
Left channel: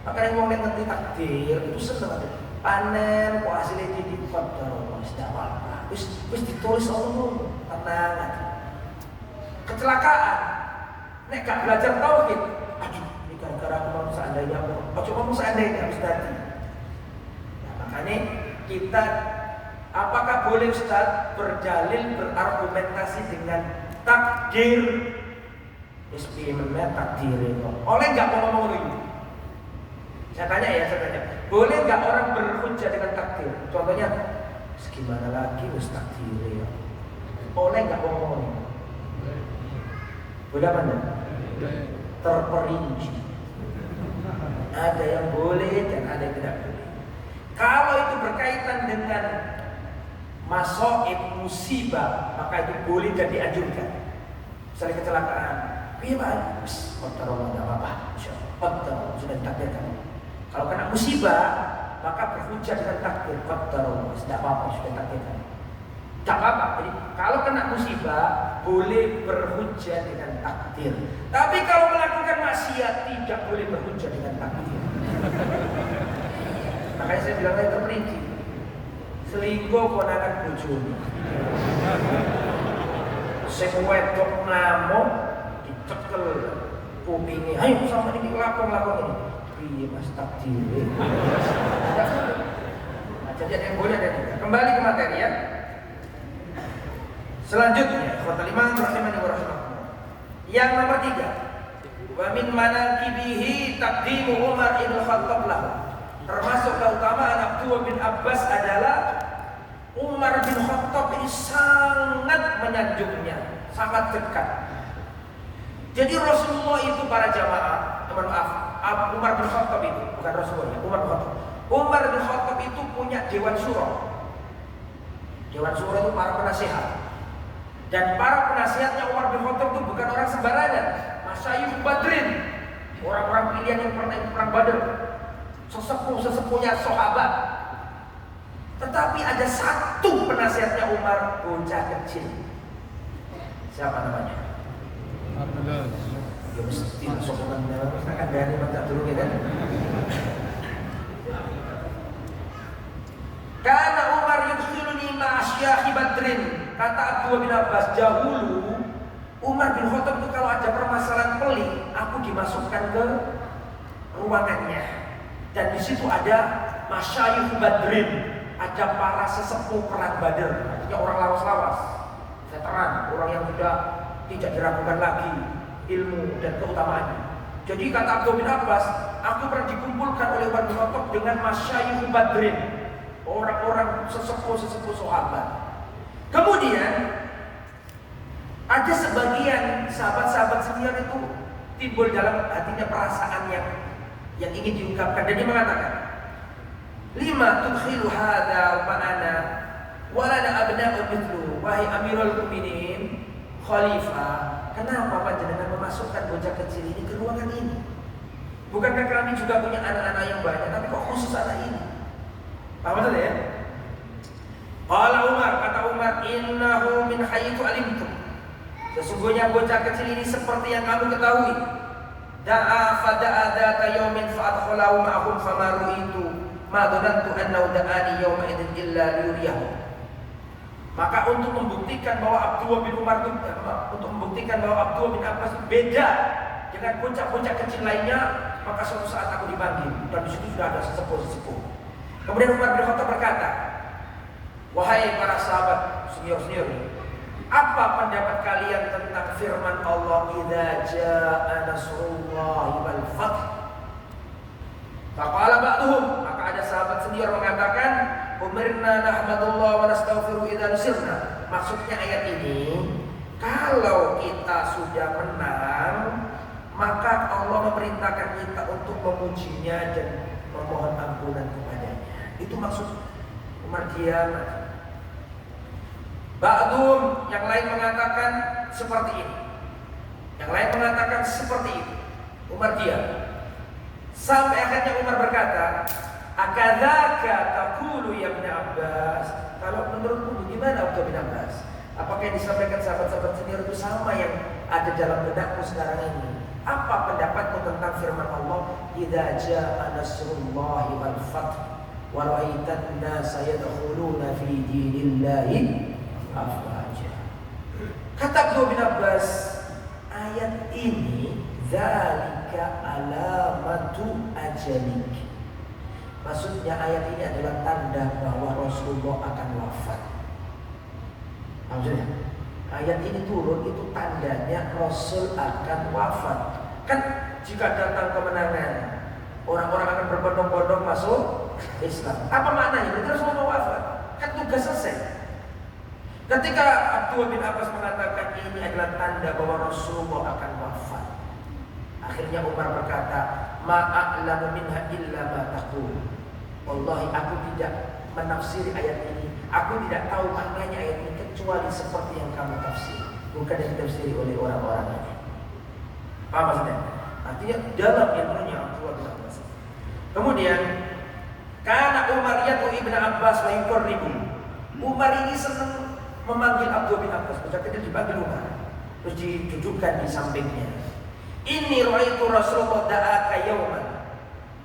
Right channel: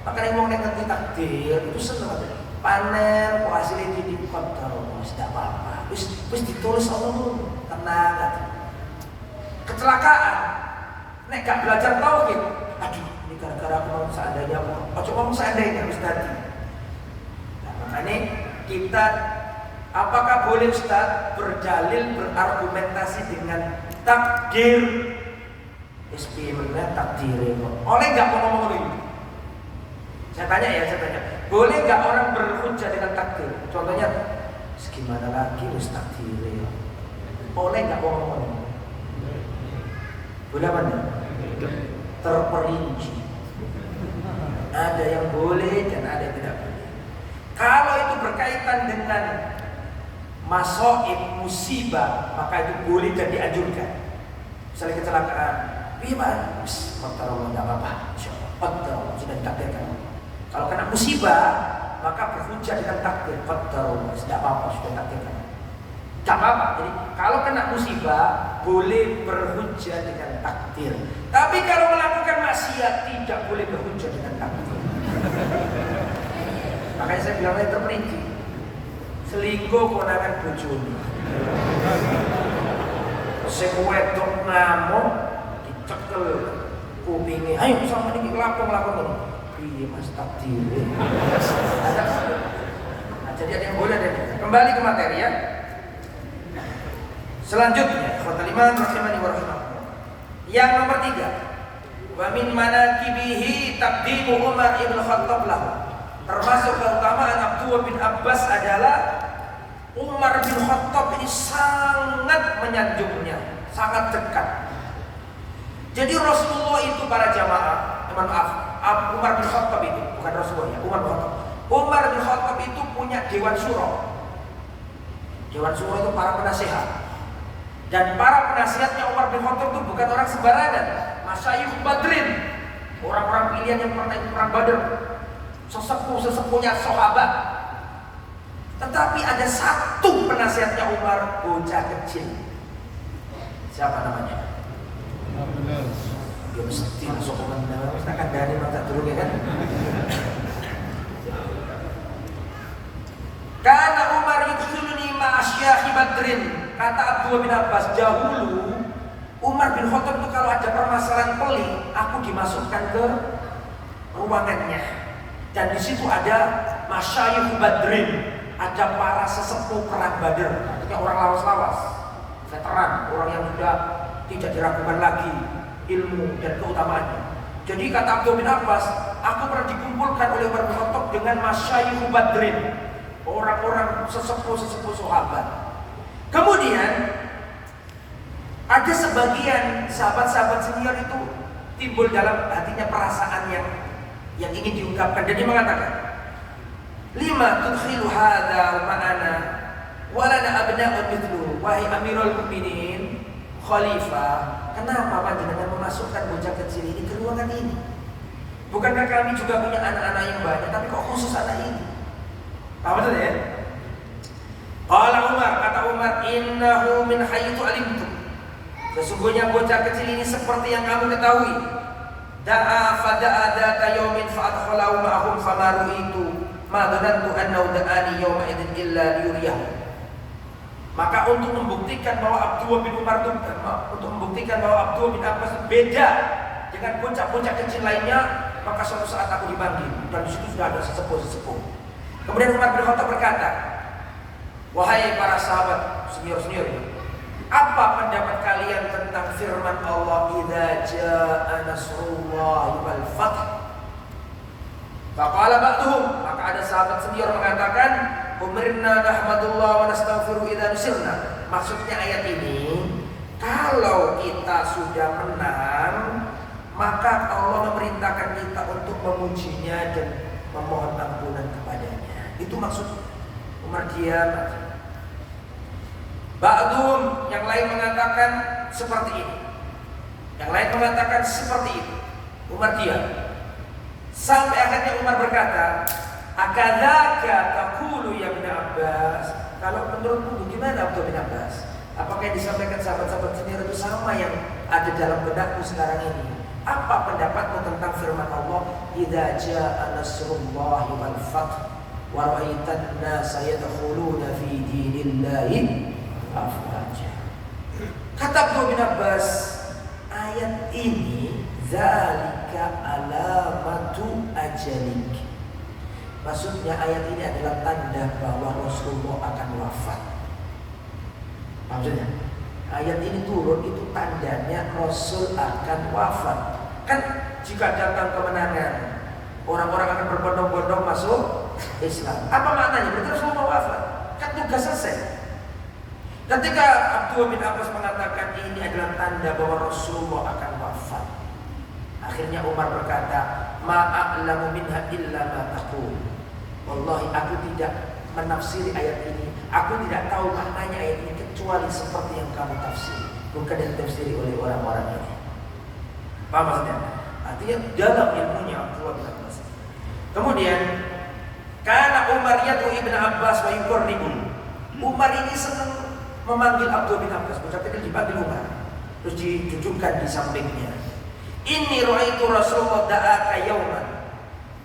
Makanya orang yang ngerti takdir itu senang aja. Panen, kok hasilnya di qadar Allah, tidak apa-apa. Wis ditulis Allah dulu, tenang aja. Kecelakaan, nek gak belajar tauhid, aduh, ini gara-gara aku mau seandainya mau, coba mau seandainya harus tadi. Nah, makanya kita, apakah boleh Ustaz berdalil, berargumentasi dengan takdir? SPI mengenai takdir itu, oleh nggak mau ngomong itu? Saya tanya, boleh nggak orang berhujjah dengan takdir? Contohnya, gimana lagi Ustaz takdir ya? Oleh nggak mau ngomong? Boleh apa enggak? Terperinci. Ada yang boleh dan ada yang tidak boleh. Kalau itu berkaitan dengan masaib musibah, maka itu boleh dan dianjurkan. Misalnya kecelakaan, bagaimana? Qadar Allah, tidak apa-apa, insyaallah. Qadar Allah sudah ditakdirkan. Kalau kena musibah, maka berhujjah dengan takdir. Qadar Allah, tidak apa-apa, sudah ditakdirkan. Tidak apa-apa. Jadi kalau kena musibah boleh berhujjah dengan takdir. Tapi kalau melakukan maksiat tidak boleh berhujjah dengan takdir. Makanya saya bilang itu terperinci. Selingkuh konangan bojone. Sing wedok ngamuk dicekel kupinge. Ayo sama ini lakon ini. Piye Mas takdir. Nah, jadi ada yang boleh ada yang tidak. Kembali ke materi ya. Selanjutnya, ikhwatul iman rahimani wa rahimakumullah. Yang nomor 3, wa min manaqibihi taqdimu Umar ibn Khattab lahu. Termasuk keutamaan Abdullah bin Abbas adalah Umar bin Khattab ini sangat menyanjungnya, sangat dekat. Jadi Rasulullah itu para jamaah, maaf, Umar bin Khattab itu bukan Rasulullah ya, Umar bin Khattab. Umar bin Khattab itu punya dewan syuro. Dewan syuro itu para penasehat. Dan para penasihatnya Umar bin Khattab itu bukan orang sembarangan. Masyayikh Badrin, orang-orang pilihan yang pernah ikut perang Badar, sesepuh-sesepuhnya sahabat. Tetapi ada satu penasihatnya Umar, bocah kecil. Siapa namanya? Ya mesti masuk komentar, akan dari baca dulu ya kan? Karena Umar yudkhiluni ma'asyakhi Badrin. Kata Abdullah bin Abbas, dahulu Umar bin Khattab itu kalau ada permasalahan pelik, aku dimasukkan ke ruangannya. Dan di situ ada masyayikh Badrin, ada para sesepuh perang Badar, artinya orang lawas-lawas, veteran, orang yang sudah tidak diragukan lagi ilmu dan keutamaannya. Jadi kata Abdullah bin Abbas, aku pernah dikumpulkan oleh Umar bin Khattab dengan masyayikh Badrin, orang-orang sesepuh-sesepuh sahabat. Kemudian ada sebagian sahabat-sahabat senior itu timbul dalam hatinya perasaan yang ingin diungkapkan, dan dia mengatakan, lima tudkhilu hadza ma'ana walana abna'un mithlu. Wahai Amirul Mukminin, Khalifah, kenapa panjenengan memasukkan bocah kecil ini ke ruangan ini? Bukankah kami juga punya anak-anak yang banyak, tapi kok khusus anak ini? Paham betul ya? Qala Umar, kata Umar, innahu min haythu alimtum. Sesungguhnya bocah kecil ini seperti yang kamu ketahui. Da'a fada'a dzata yaumin fa'adkhalahu ma'ahum famaru itu ma dhanantu annahu da'ani yawma idzin illa liyuriyahu. Maka untuk membuktikan bahwa Abdullah bin Umar itu, untuk membuktikan bahwa Abdullah bin Abbas itu beda dengan bocah-bocah kecil lainnya, maka suatu saat aku dipanggil dan di situ sudah ada sesepuh-sesepuh. Kemudian Umar bin Khattab berkata, wahai para sahabat senior-senior, apa pendapat kalian tentang firman Allah, idza jaa nasrullahi wal fath? Faqala ba'duhum, maka ada sahabat senior mengatakan, umirna nahmadullah wa nastaghfiru idza nusirna. Maksudnya ayat ini, kalau kita sudah menang, maka Allah memerintahkan kita untuk memujinya dan memohon ampunan kepadanya. Itu maksud. Umar diam. Ba'dhum, yang lain mengatakan seperti ini, yang lain mengatakan seperti itu. Umar diam. Sampai akhirnya Umar berkata, akadzaka taqulu ya Ibn Abbas? Kalau menurutmu gimana Abdullah bin Abbas? Apakah yang disampaikan sahabat-sahabat senior itu sama yang ada dalam benakmu sekarang ini? Apa pendapatmu tentang firman Allah, idza jaa nasrullahi wal fath wa ra'aitan nasa yadkhuluna fi dinillahi afwaja. Kata Abdullah bin Abbas, ayat ini zalika alamatu ajalik. Maksudnya ayat ini adalah tanda bahwa Rasulullah akan wafat. Maksudnya ayat ini turun itu tandanya Rasul akan wafat. Kan jika datang kemenangan, orang-orang akan berbondong-bondong masuk Islam. Apa maknanya? Berarti Rasulullah wafat. Kan tugas selesai. Ketika Abdullah bin Abbas mengatakan ini adalah tanda bahwa Rasulullah akan wafat, akhirnya Umar berkata, ma'a'lamu minha illa ma taqul. Wallahi aku tidak menafsiri ayat ini, aku tidak tahu maknanya ayat ini kecuali seperti yang kamu tafsiri, bukan yang tafsiri oleh orang-orang ini. Paham maksudnya? Artinya dalam ilmunya Abdullah bin Abbas. Kemudian karena Umar yad'u Ibn Abbas wa yuqarribu. Umar ini senang memanggil Abdullah bin Abbas, bocah kecil dipanggil Umar, terus didudukkan di sampingnya. Inni ra'aitu Rasulullah da'aka yauman.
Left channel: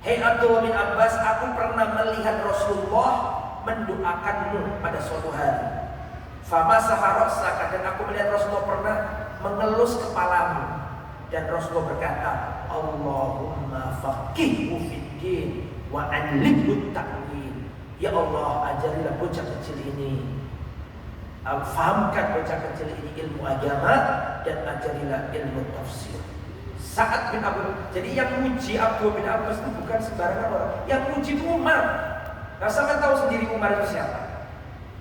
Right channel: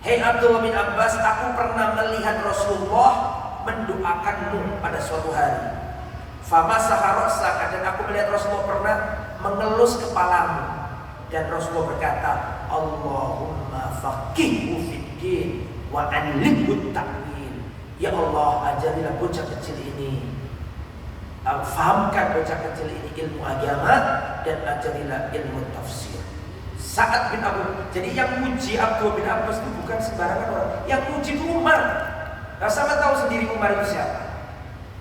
Hei Abdullah bin Abbas, aku pernah melihat Rasulullah mendoakanmu pada suatu hari. Famasaha ra'saka, dan aku melihat Rasulullah pernah mengelus kepalamu. Dan Rasulullah berkata, Allahumma faqihhu fiddin wa 'allimhu ta'wil. Ya Allah, ajarilah bocah kecil ini, fahamkan bocah kecil ini ilmu agama, dan ajarilah ilmu tafsir. Sa'ad bin Abu, jadi yang muji Abdullah bin Abbas itu bukan sembarangan orang. Yang muji itu Umar. Nah, sama tahu sendiri Umar itu siapa?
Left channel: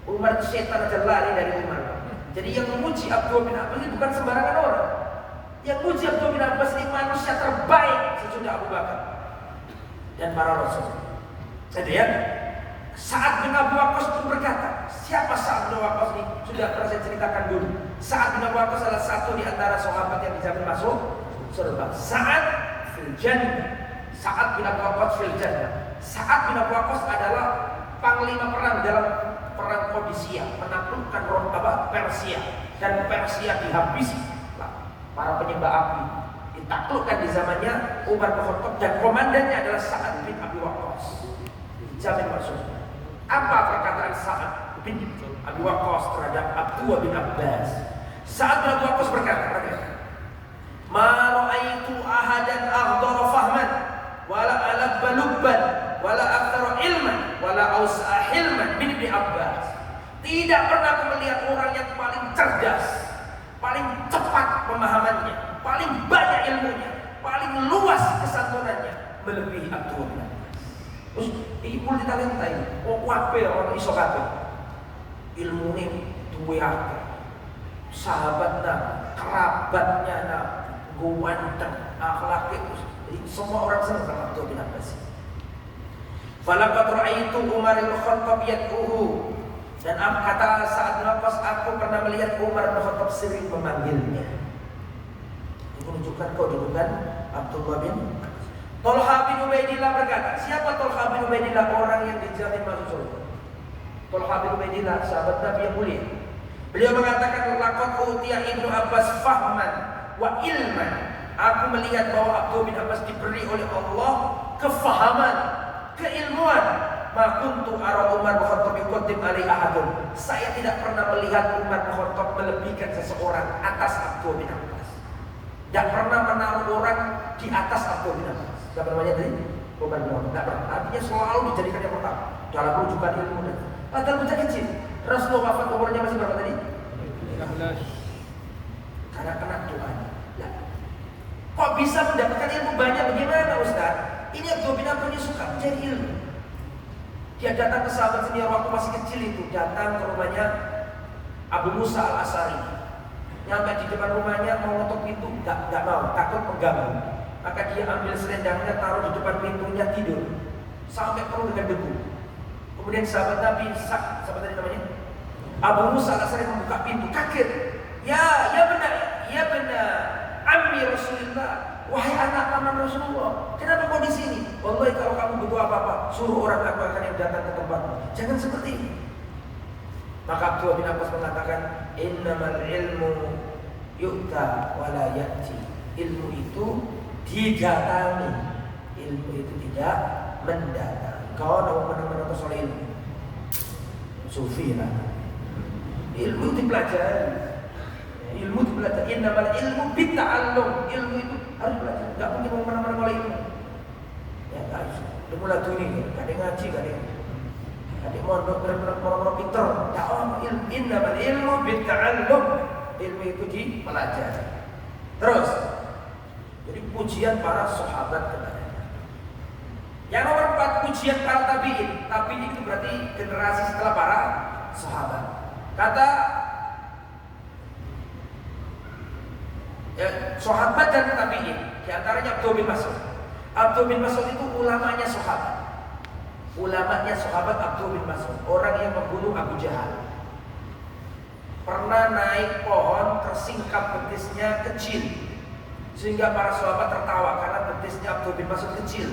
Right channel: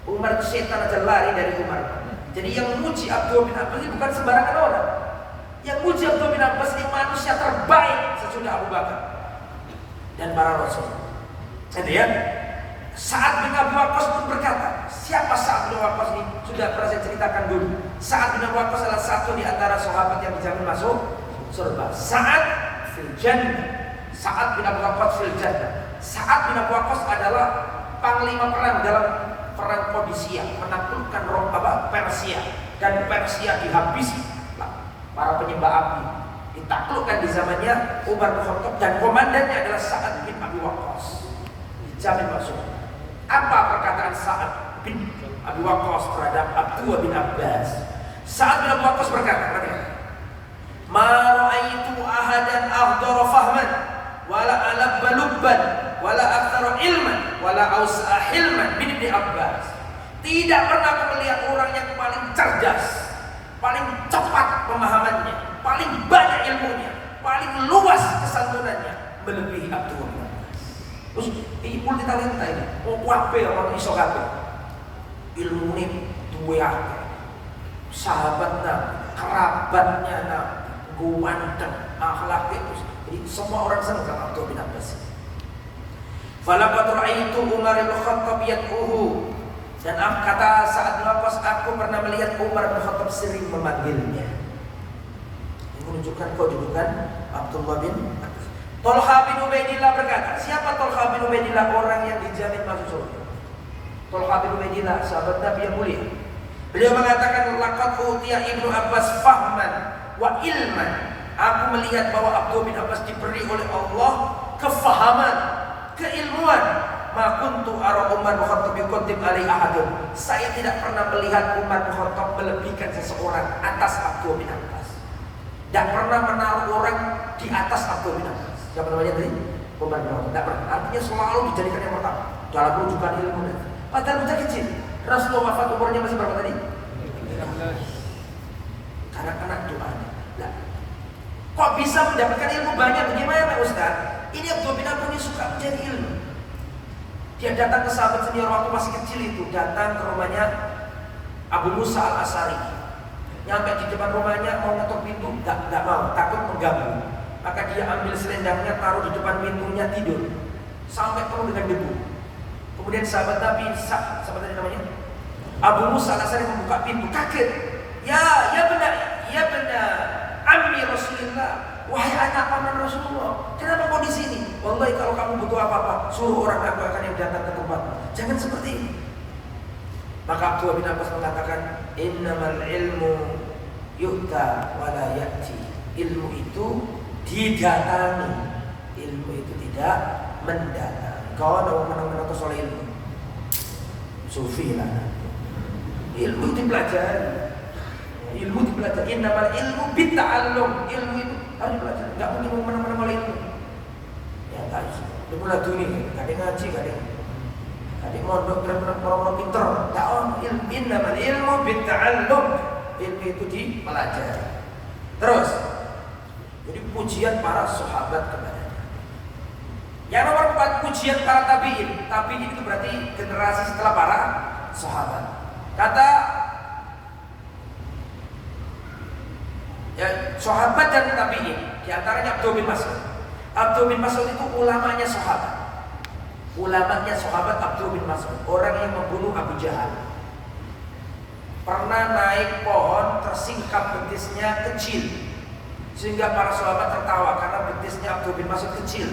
Umar itu setan aja lari dari Umar. Jadi yang muji Abdullah bin Abbas itu bukan sembarangan orang. Yang muji Abdullah bin Abbas ini manusia terbaik sesudah Abu Bakar dan para rasul. Jadi ya, Sa'ad bin Abu Waqqas pun berkata, siapa Sa'ad bin Abu Waqqas ini? Sudah pernah saya ceritakan dulu. Sa'ad bin Abu Waqqas adalah satu di antara sahabat yang dijamin masuk surga. Sa'ad fil jannah. Sa'ad bin Abu Waqqas fil jannah. Sa'ad bin Abu Waqqas adalah panglima perang dalam perang Qadisiyah, menaklukkan Persia, dan Persia dihabisi. Para penyembah api ditaklukkan di zamannya Umar bin Khattab, dan komandannya adalah Sa'ad bin Abi Waqqas. Dijamin masuk. Apa perkataan Sa'ad bin Abi Waqqas terhadap Abdullah bin Abbas? Sa'ad bin Abi Waqqas berkata, ma ra'aitu ahadan aghdara fahman wala alabba lubban wala aktsara ilman wala aus'a hilman bin Ibn Abbas. Tidak pernah aku melihat orang yang paling cerdas, paling cepat pemahamannya, paling banyak ilmunya, paling luas kesantunannya melebihi Abdullah bin Abbas. Terus ibu ditalenta ini, wape orang iso kabeh. Ilmune duwe akeh. Sahabatnya, kerabatnya, ganteng, akhlaknya, jadi semua orang senang sama Abdullah bin Abbas. Falaqad ra'aitu Umar bin Khattab yad'uhu. Dan kata Sa'ad bin Abbas, aku pernah melihat Umar bin Khattab sering memanggilnya. Ini menunjukkan kedudukan Abdullah bin Abbas. Tolha bin Ubaidillah berkata, siapa Tolha bin Ubaidillah? Orang yang dijamin masuk surga. Tolha bin Ubaidillah, sahabat Nabi yang mulia. Beliau mengatakan, laqad utiya Ibnu Abbas fahman wa ilman. Aku melihat bahwa Abdullah bin Abbas diberi oleh Allah kefahaman, keilmuan. Ma kuntu ara Umar bin Khattab yuqaddim alai ahadun. Saya tidak pernah melihat Umar bin Khattab melebihkan seseorang atas Abdullah bin Abbas. Tidak pernah menaruh orang di atas Abdullah bin Abbas. Tidak pernah lihat tadi? Umar bin Khattab tidak pernah. Artinya selalu dijadikan yang pertama dalam rujukan ilmu. Padahal bocah kecil. Rasulullah wafat umurnya masih berapa tadi? 15. Karena kena doanya. Nah, kok bisa mendapatkan ilmu banyak? Bagaimana Ustaz? Ini Abdullah bin Abbas ini suka mencari ilmu. Dia datang ke sahabat senior waktu masih kecil itu, datang ke rumahnya Abu Musa al-Asari. Nyampe di depan rumahnya mau ngetok pintu, nggak mau, takut mengganggu. Maka dia ambil selendangnya, taruh di depan pintunya, tidur sampai penuh dengan debu. Kemudian sahabat Nabi, siapa tadi namanya? Abu Musa al-Asy'ari membuka pintu kaget. Ya benar ammi Rasulullah, wahai anak paman Rasulullah, kenapa kau di sini? Wallahi kalau kamu butuh apa-apa, suruh orang aku akan yang datang ke tempatmu. Jangan seperti ini. Maka Abdullah bin Abbas mengatakan, innamal ilmu yu'ta wa la ya'ti. Ilmu itu didatangi, ilmu itu tidak mendatang. Kau mau menang-menang soal ilmu, sufi lah. Ilmu dipelajari. Ilmu dipelajari. Innamal ilmu bitta'allum. Ilmu itu harus belajar. Enggak mungkin mau menang-menang oleh ilmu. Ya harus. Dimulai dunia, kadang ngaji, kadang mondok, orang-orang pinter. Ta'on ilmu. Innamal ilmu bitta'allum. Ilmu itu dipelajari. Terus, jadi pujian para sahabat kepadanya. Yang nomor 4, pujian para tabi'in. Tabi'in itu berarti generasi setelah para sahabat. Kata sahabat dan tabi'in, di antaranya Abdullah bin Mas'ud. Abdullah bin Mas'ud itu ulamanya sahabat. Ulamanya sahabat Abdullah bin Mas'ud, orang yang membunuh Abu Jahal. Pernah naik pohon, tersingkap betisnya kecil, sehingga para sahabat tertawa karena betisnya Abdullah bin Mas'ud kecil.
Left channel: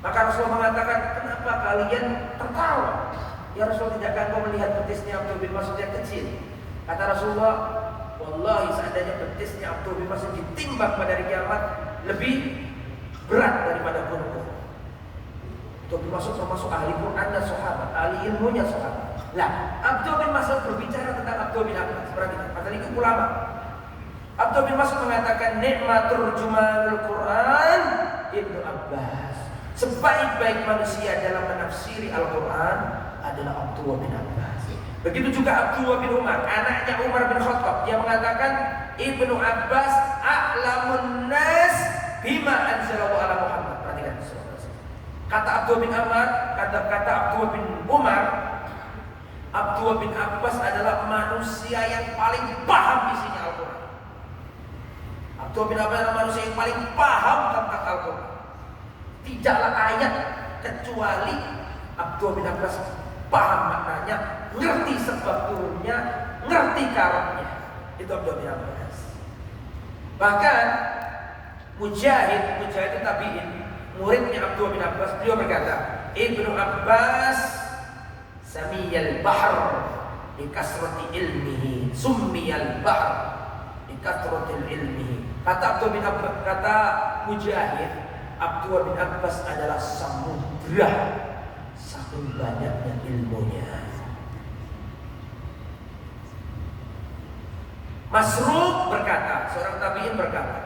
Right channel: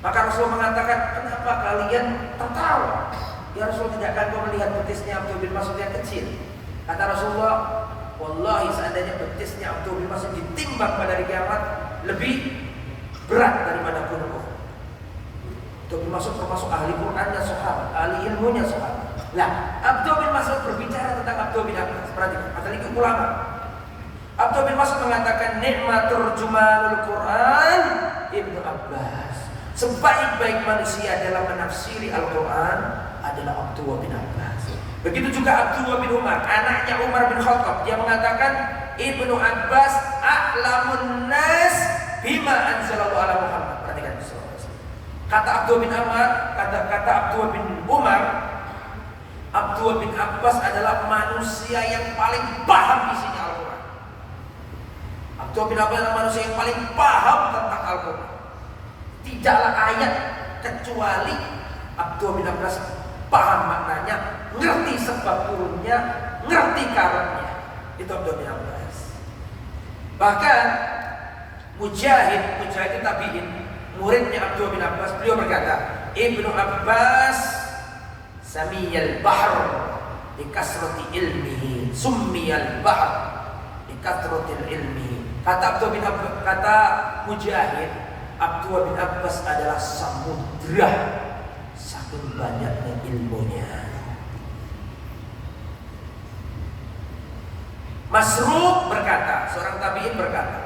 Maka Rasulullah mengatakan, kenapa kalian tertawa? Ya Rasulullah, tidakkah kau melihat betisnya Abdullah bin Mas'ud yang kecil? Kata Rasulullah, wallahi seandainya betisnya Abdullah bin Mas'ud ditimbang pada hari kiamat, lebih berat daripada gunung. Abdullah bin Mas'ud termasuk ahli Qur'annya sahabat, ahli ilmunya sahabat. Lah, Abdullah bin Mas'ud berbicara tentang Abdullah bin Abbas. Perhatikan, padahal itu ulama. Abdullah bin Mas'ud mengatakan, nikmatur jumalul Quran Ibnu Abbas. Sebaik-baik manusia dalam menafsiri Al-Quran adalah Abdullah bin Abbas. Begitu juga Abdullah bin Umar, anaknya Umar bin Khattab. Dia mengatakan, Ibnu Abbas a'lamun nas bima anzalallahu ala Muhammad. Perhatikan, kata Abdullah bin Umar, kata Abdullah bin Umar, Abdullah bin Abbas adalah manusia yang paling paham isinya Al-Quran. Abdullah bin Abbas adalah manusia yang paling paham tentang Al-Quran. Tidaklah ayat kecuali Abdullah bin Abbas paham maknanya, ngerti sebab turunnya, ngerti karakternya. Itu Abdullah bin Abbas. Bahkan Mujahid tabi'in, muridnya Abdullah bin Abbas, beliau berkata, Ibnu Abbas samiyal bahr bi kasrati ilmihi, summiyal bahr bi kasrati ilmihi. Kata Abdullah bin Abbas, kata Mujahid, Abdullah bin Abbas adalah samudra saking banyaknya ilmunya. Masruq berkata, seorang tabi'in berkata,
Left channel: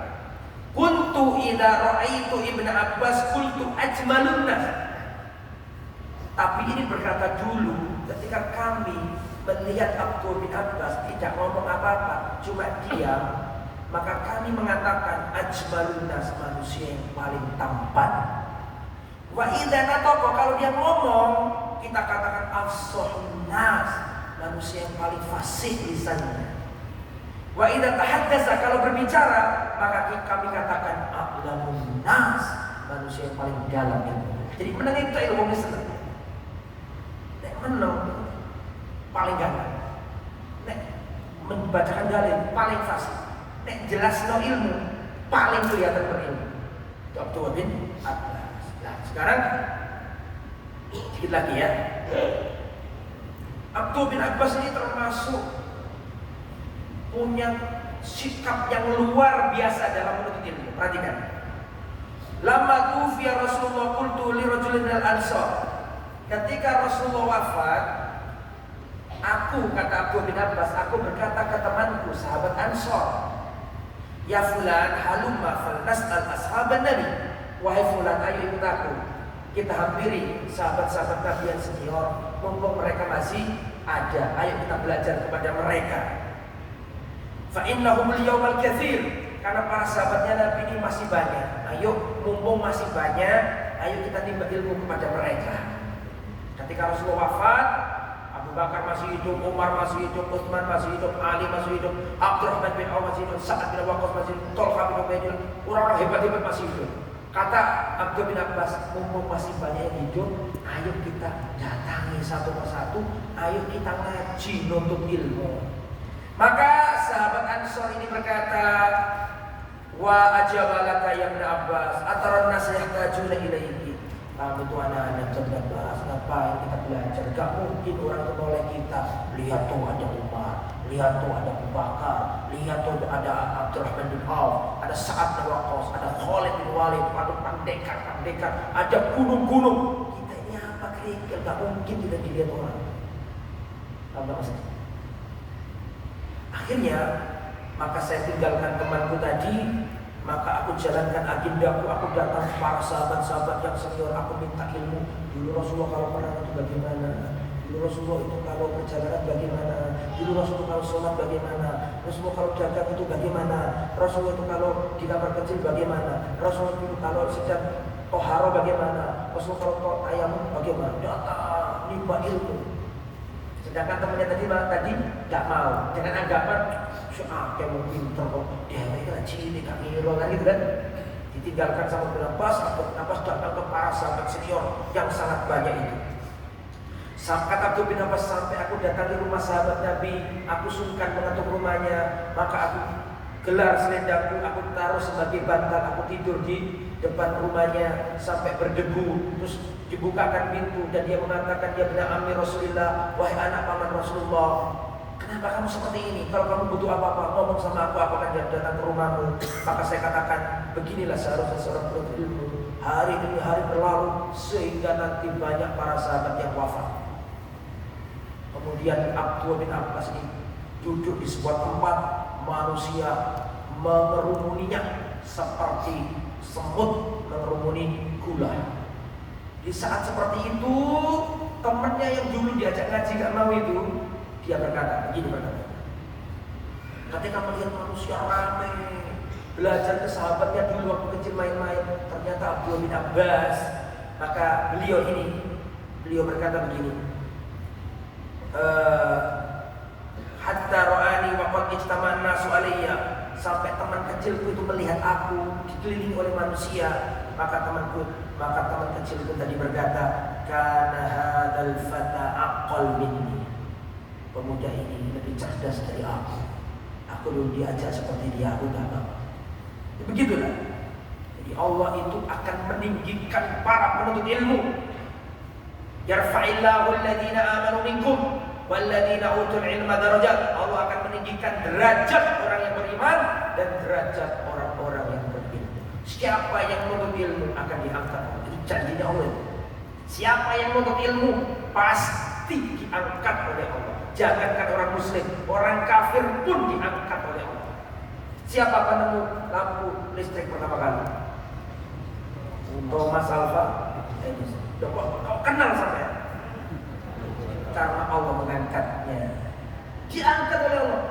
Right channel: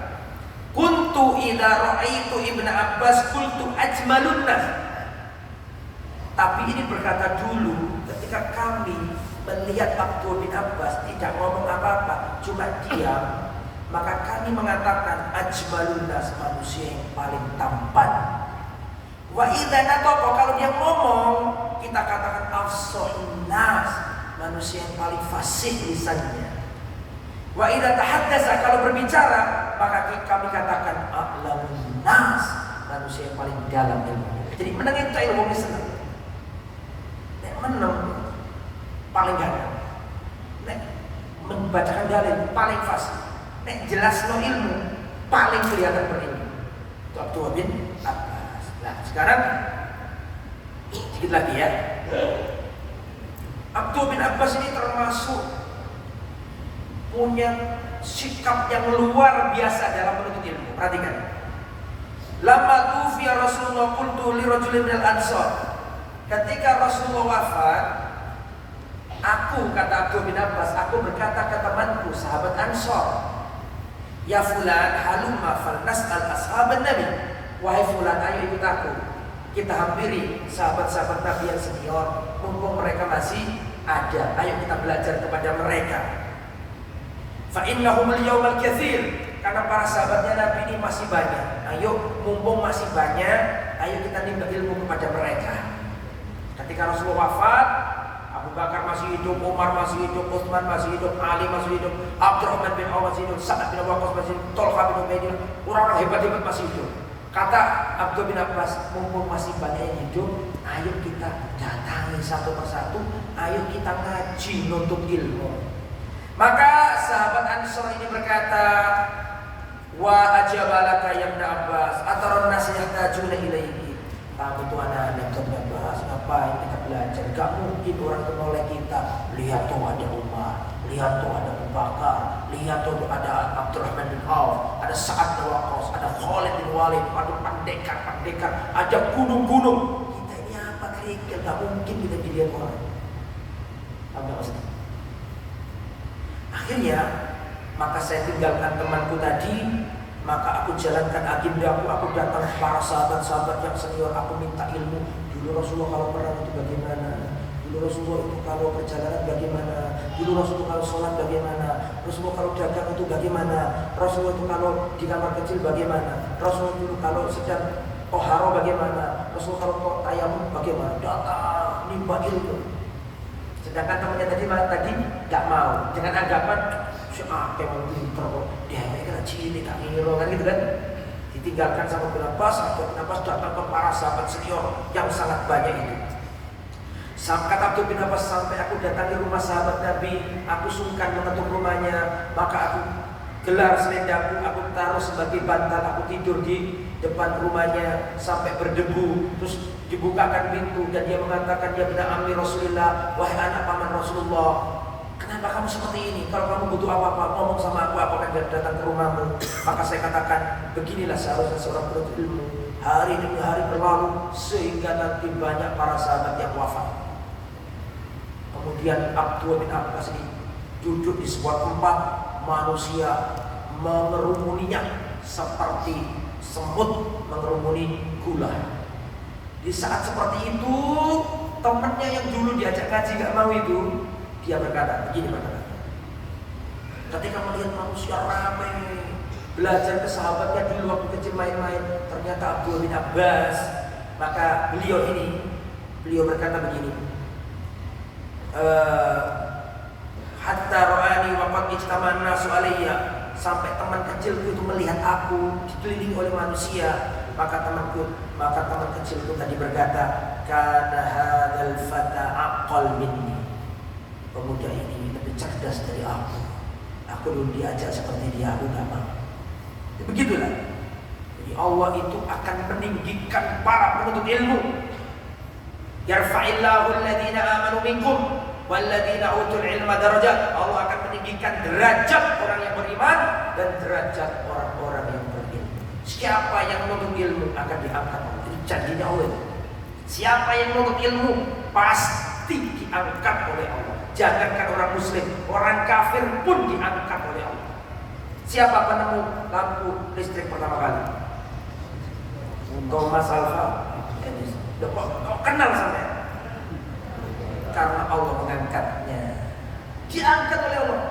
kuntu idza ra'aitu Ibnu Abbas qultu ajmalun nas. Tapi ini berkata dulu ketika kami melihat Abdullah bin Abbas tidak ngomong apa-apa, cuma diam, maka kami mengatakan ajmalun nas, manusia yang paling tampan. Wa idza nataqa, kalau dia ngomong kita katakan afshahun nas, manusia yang paling fasih lisannya. Wa idza tahaddasa, kalau berbicara maka kami katakan a'lamun nas, manusia yang paling dalam ilmu. Jadi menang itu ilmu senang. Nek menang paling dalam. Nek membacakan dalil paling fasih. Nek jelas no ilmu paling kelihatan berilmu. Itu Abdullah bin Abbas. Nah sekarang sedikit lagi ya. Abdullah bin Abbas ini termasuk punya sikap yang luar biasa dalam menuntut ilmu. Perhatikan. Lama tufiya Rasulullah qultu li rajulin minal ansar. Ketika Rasulullah wafat, aku, kata Abdullah bin Abbas, aku berkata ke temanku sahabat Ansar, ya fulan halumma falnas'al ashaban nabi. Wahai fulan, ayo ikut aku, kita hampiri sahabat-sahabat Nabi yang senior, mumpung mereka masih ada. Ayo kita belajar kepada mereka. Fa innahum al-yawmal katsir, karena para sahabatnya Nabi ini masih banyak. Ayo mumpung masih banyak, ayo kita nimba ilmu kepada mereka. Ketika Rasulullah wafat, Abu Bakar masih hidup, Umar masih hidup, Utsman masih hidup, Ali masih hidup, Abdurrahman bin Auf masih hidup, Sa'ad bin Waqqas masih hidup, Thalhah bin Ubaidillah, orang-orang hebat-hebat masih hidup. Kata Abdullah bin Abbas, mumpung masih banyak yang hidup, ayo kita datangi nih satu persatu, ayo kita ngaji nuntut ilmu. Maka sahabat Ansor ini berkata, wa ajabalaka ya Ibn Abbas ataron nas yahtajuna ilaihi. Kamu itu anak-anak Abbas, ngapain kita belajar? Gak mungkin orang itu oleh kita. Lihat tuh ada Umar, lihat tuh ada Abu Bakar, lihat tuh ada Abdurrahman bin Auf, ada Sa'ad bin Waqqas, ada Khalid bin Walid, ada pendekar, ada gunung-gunung. Kita ini apa kerikil? Gak mungkin kita dilihat orang. Apa maksudnya? Akhirnya, maka saya tinggalkan temanku tadi. Maka aku jalankan agendaku, aku datang ke para sahabat-sahabat yang senior, aku minta ilmu. Dulu Rasulullah kalau perang itu bagaimana? Dulu Rasulullah itu kalau perjalanan bagaimana? Dulu Rasulullah kalau sholat bagaimana? Rasulullah kalau dagang itu bagaimana? Rasulullah itu kalau di kamar kecil bagaimana? Rasulullah itu kalau sedang toharo bagaimana? Rasulullah kalau tayamum bagaimana? Datang, nimba ilmu. Sedangkan temannya tadi gak mau. Jangan anggapan kayak mau pinter kok, dia ini cili tak ngiro kan gitu kan. Ditinggalkan sama Ibn Abbas datang ke para sahabat senior yang sangat banyak itu. Kata Ibn Abbas, sampai aku datangi rumah sahabat Nabi, aku sungkan mengetuk rumahnya, maka aku gelar selendangku, aku taruh sebagai bantal, aku tidur di depan rumahnya sampai berdebu. Terus dibukakan pintu dan dia mengatakan, dia benar ammi Rasulullah, wahai anak paman Rasulullah, kenapa kamu seperti ini? Kalau kamu butuh apa-apa, ngomong sama aku akan datang ke rumahmu. Maka saya katakan, beginilah seharusnya seorang penuntut ilmu. Hari demi hari berlalu sehingga nanti banyak para sahabat yang wafat. Kemudian Abdul bin Abbas ini duduk di sebuah tempat, manusia mengerumuninya seperti semut mengerumuni gula. Di saat seperti itu, temannya yang dulu diajak ngaji gak mau itu, dia berkata, ketika melihat manusia ramai belajar ke sahabatnya dulu waktu kecil main-main, ternyata Abdul bin Abbas, maka beliau berkata begini, hatta ra'ani wa qad ijtama'an nasu alayya, sampai teman kecilku itu melihat aku dikelilingi oleh manusia. Maka teman kecilku tadi berkata, kana hadzal fata aqal minni, pemuda ini lebih cerdas dari aku. Aku dulu diajak seperti dia, aku gak mau. Begitulah. Jadi Allah itu akan meninggikan para penuntut ilmu. Yarfa'illahu alladhina amanu minkum walladhina utul ilma darajat. Allah akan meninggikan derajat orang yang beriman dan derajat orang-orang yang berilmu. Siapa yang menuntut ilmu akan diangkat Allah. Itu janjinya Allah. Siapa yang menuntut ilmu pasti diangkat oleh Allah. Jangankan orang muslim, orang kafir pun diangkat oleh Allah. Siapa penemu lampu listrik pertama kali? Thomas Alva Edison. Kau kenal sampai? Karena Allah mengangkatnya. Diangkat oleh Allah.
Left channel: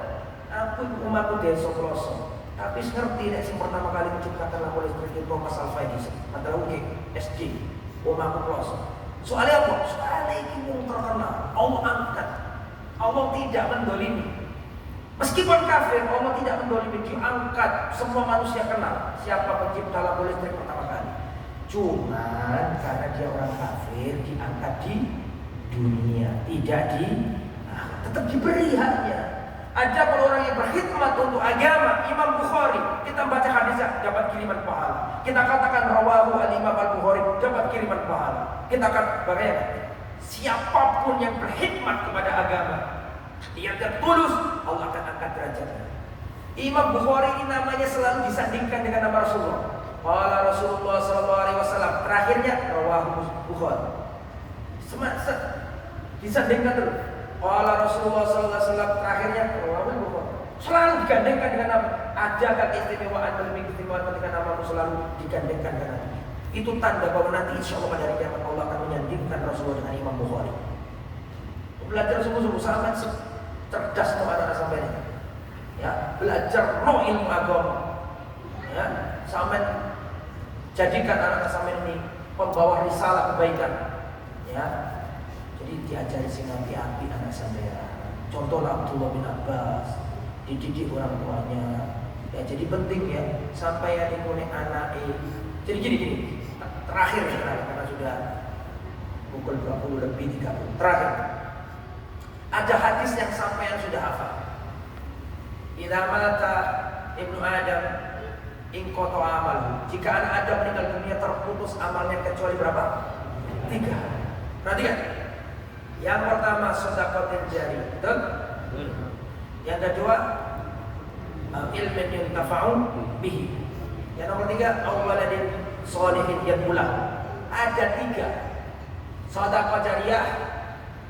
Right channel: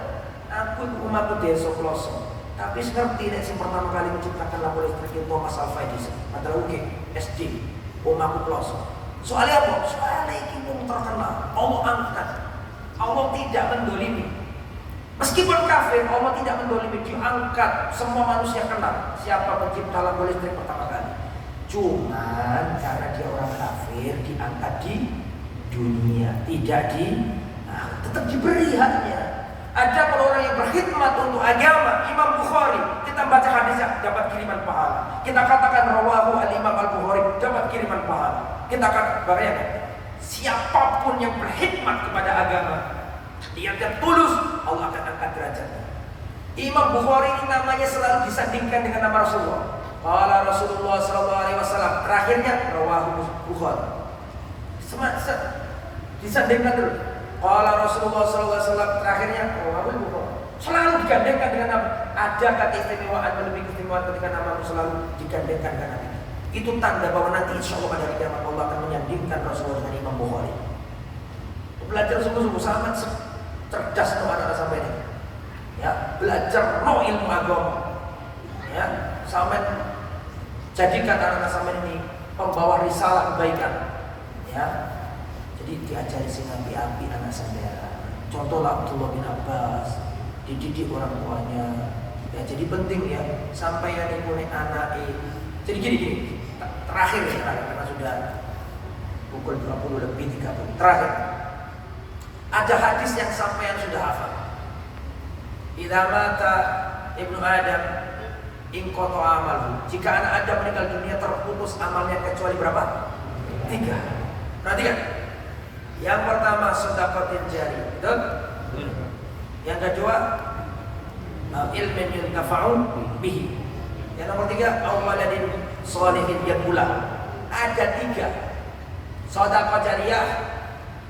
Aku umatku desa pelosok, tapi ngerti nek sing pertama kali menciptakan lampu listrik itu Thomas Alva Edison adalah UK SD. Umatku pelosok. Soalnya apa? Soalnya ini yang terkenal. Allah angkat. Allah tidak mendolimi. Meskipun kafir, Allah tidak mendolimi. Diangkat. Semua manusia kenal siapa pencipta lampu listrik pertama kali. Cuman karena dia orang kafir, diangkat di dunia, tidak tetap diberi haknya. Ada orang yang berkhidmat untuk agama. Imam Bukhari, kita baca hadisnya dapat kiriman pahala. Kita katakan rawahu al-Imam al-Bukhari, dapat kiriman pahala. Kita katakan siapapun yang berkhidmat kepada agama, yang tulus, Allah akan angkat derajatnya. Imam Bukhari ini namanya selalu disandingkan dengan nama Rasulullah. Qala Rasulullah sallallahu alaihi wasallam, terakhirnya rawahu Bukhari. Disandingkan terus. Qala Rasulullah sallallahu alaihi wasallam, terakhirnya rawahu Bukhari. Selalu digandengkan dengan nama. Ada keistimewaan lebih keistimewaan ketika namamu selalu digandengkan dengan nama. Itu tanda bahwa nanti insya Allah pada hari kiamat Allah akan menyandingkan Rasulullah dengan Imam Bukhari. Belajar sungguh-sungguh sangat cerdas untuk anak-anak sampai ini. Ya, belajar ilmu agama. Ya, sampai jadikan anak-anak sampai ini pembawa risalah kebaikan. Ya, jadi diajari senapi-api anak saya. Contohlah Abdullah bin Abbas, dididik orang tuanya. Ya, jadi penting ya sampai ada yang punya anak. Jadi gini. Terakhir ya karena sudah pukul 20:30. Terakhir, ada hadis yang sampai yang sudah hafal. Idza mata ibnu Adam inqata amalu. Jika anak Adam meninggal dunia terputus amalnya kecuali berapa? 3. Perhatikan. Yang pertama sedekah jari, betul? Yang kedua ilmin yuntafa'u bihi. Yang nomor 3 awaladin sholihin yaqula. Ada 3. Sedekah jariyah,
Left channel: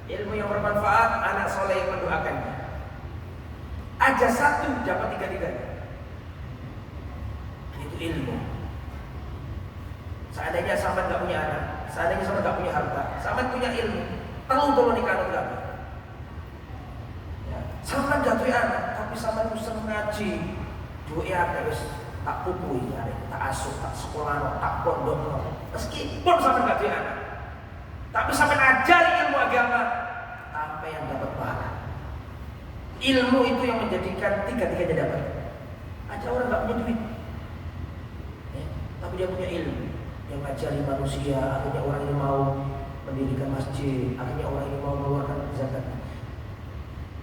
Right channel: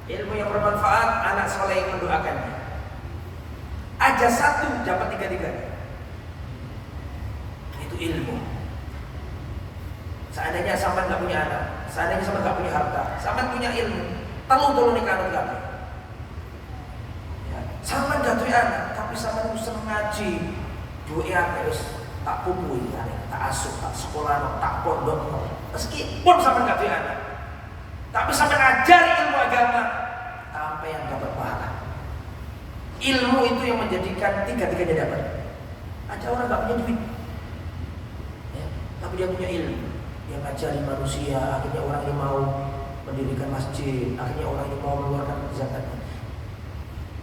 ilmu yang bermanfaat, anak soleh yang mendoakannya. Ada 1 dapat 3-3. Itu ilmu. Seandainya sampai nggak punya anak, seandainya sampai nggak punya harta, sampai punya ilmu, tolong nikah anak kamu. Ya. Sampai nggak punya anak, tapi sampai seneng ngaji, doa terus tak pupui, ya, tak asuh, tak sekolah, tak pondok, meskipun sampai nggak punya anak, tapi sampai ngajari ilmu agama, sampai yang dapat pahala. Ilmu itu yang menjadikan 3-3-nya dapat. Ada orang nggak punya duit, ya, tapi dia punya ilmu yang ngajari manusia, akhirnya orang ini mau mendirikan masjid, akhirnya orang ini mau mengeluarkan zakat.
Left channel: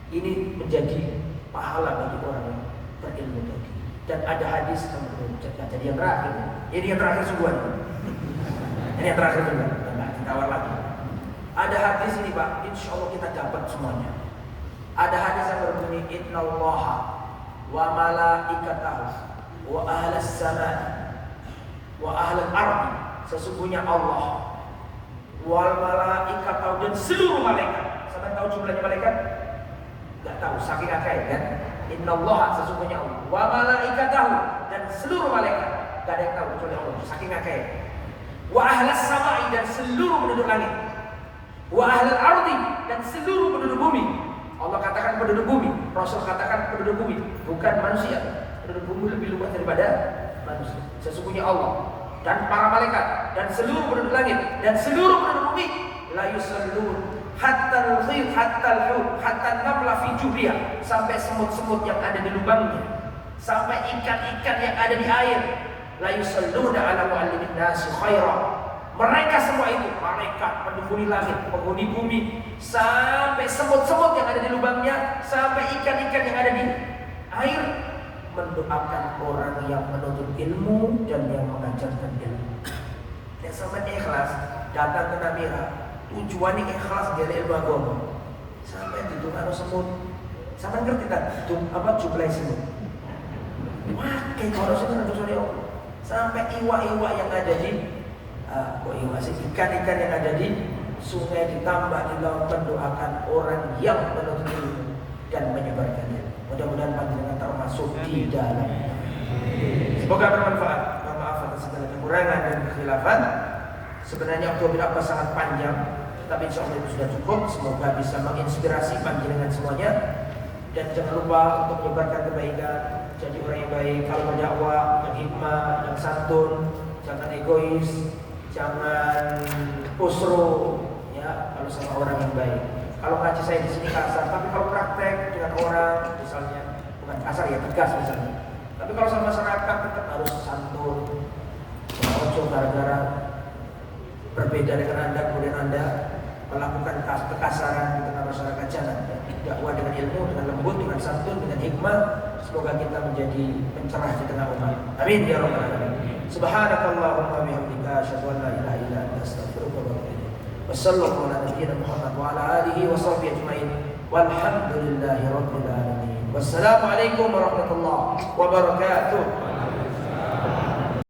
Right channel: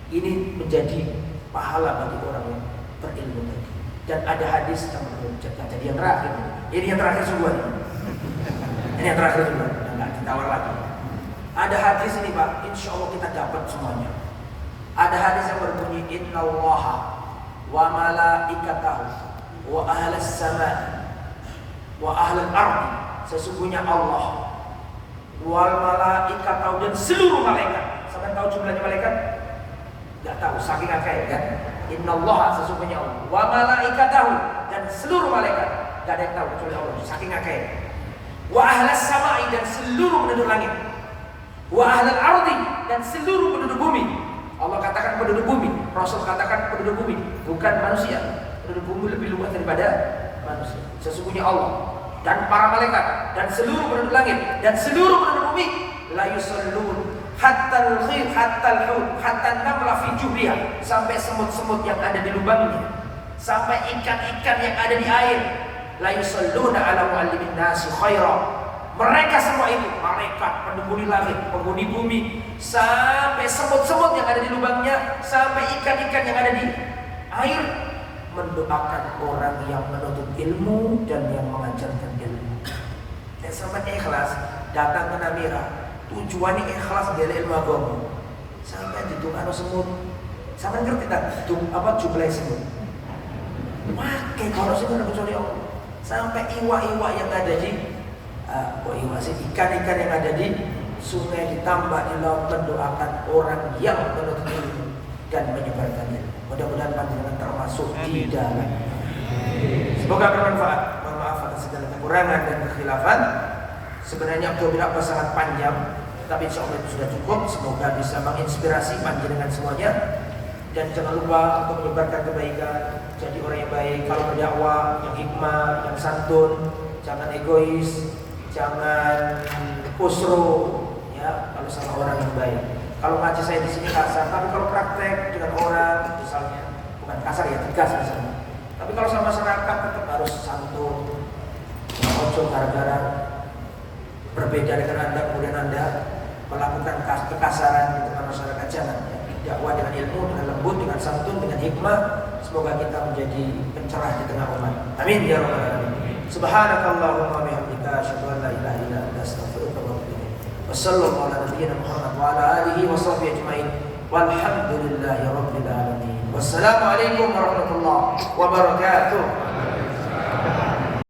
Ini menjadi pahala bagi orang yang berilmu tadi. Dan ada hadis tentang jadi yang terakhir. Ini yang terakhir sungguhan. Ini yang terakhir juga. Enggak ditawar lagi. Ada hadis ini Pak, insya Allah kita dapat semuanya. Ada hadis yang berbunyi Innallaha wa malaikatahu wa ahlas samai wa ahlal ardi. Sesungguhnya Allah wal malaikatahu dan seluruh malaikat. Sampai tahu jumlahnya malaikat? Enggak tahu, saking akeh kan. Innallaha sesungguhnya Allah wa malaikatahu dan seluruh malaikat. Enggak ada yang tahu kecuali Allah, saking akeh. Wa ahlas samai dan seluruh penduduk langit. Wa ahlal ardi dan seluruh penduduk bumi. Allah katakan penduduk bumi, Rasul katakan penduduk bumi, bukan manusia. Penduduk bumi lebih luas daripada manusia. Sesungguhnya Allah dan para malaikat dan seluruh penduduk langit dan seluruh penduduk bumi la yusallun hatta al-khir hatta al-hut hatta namla fi juhriha, sampai semut-semut yang ada di lubangnya, sampai ikan-ikan yang ada di air. La yusalluna ala muallimin nasi khaira. Mereka semua itu, malaikat, penghuni langit, penghuni bumi, sampai semut-semut yang ada di lubangnya, sampai ikan-ikan yang ada di air, mendoakan orang yang menuntut ilmu dan yang mengajarkan ilmu. Ya, sampai ikhlas datang ke Namira, tujuannya ikhlas dari ilmu agama. Sampai ditunggu semut, sampai ngerti tak apa jumlah semut? Makai kalau semut kecuali Allah. Sampai iwa-iwa yang ada di ikan-ikan yang ada di sungai, ditambah di laut, mendoakan orang yang menuntut ilmu dan menyebarkan ilmu. Mudah-mudahan panjenengan termasuk di dalam. Semoga bermanfaat. Mohon maaf atas segala kekurangan dan kekhilafan. Sebenarnya audio sangat panjang, tapi insya Allah itu sudah cukup. Semoga bisa menginspirasi panjenengan semuanya. Dan jangan lupa untuk menyebarkan kebaikan. Jadi orang yang baik, kalau berdakwah yang hikmah, yang santun, jangan egois. Jangan kusro, ya, kalau sama orang yang baik. Kalau ngaji saya di sini kasar, tapi kalau praktek dengan orang, misalnya bukan kasar ya, tegas misalnya. Tapi kalau sama masyarakat tetap harus santun. Ya, ojo gara-gara berbeda dengan Anda, kemudian Anda melakukan kekasaran di tengah masyarakat. Jangan. Ya. Dakwah dengan ilmu, dengan lembut, dengan santun, dengan hikmah. Semoga kita menjadi pencerah di tengah umat. Amin ya rabbal alamin. Subhanakallahumma bihamdika asyhadu an la ilaha illa anta astaghfiruka wa atubu ilaik. Wassallallahu ala nabiyyina Muhammad wa ala alihi wa sahbihi ajma'in. Walhamdulillahi rabbil alamin. Wassalamu alaikum warahmatullahi wabarakatuh.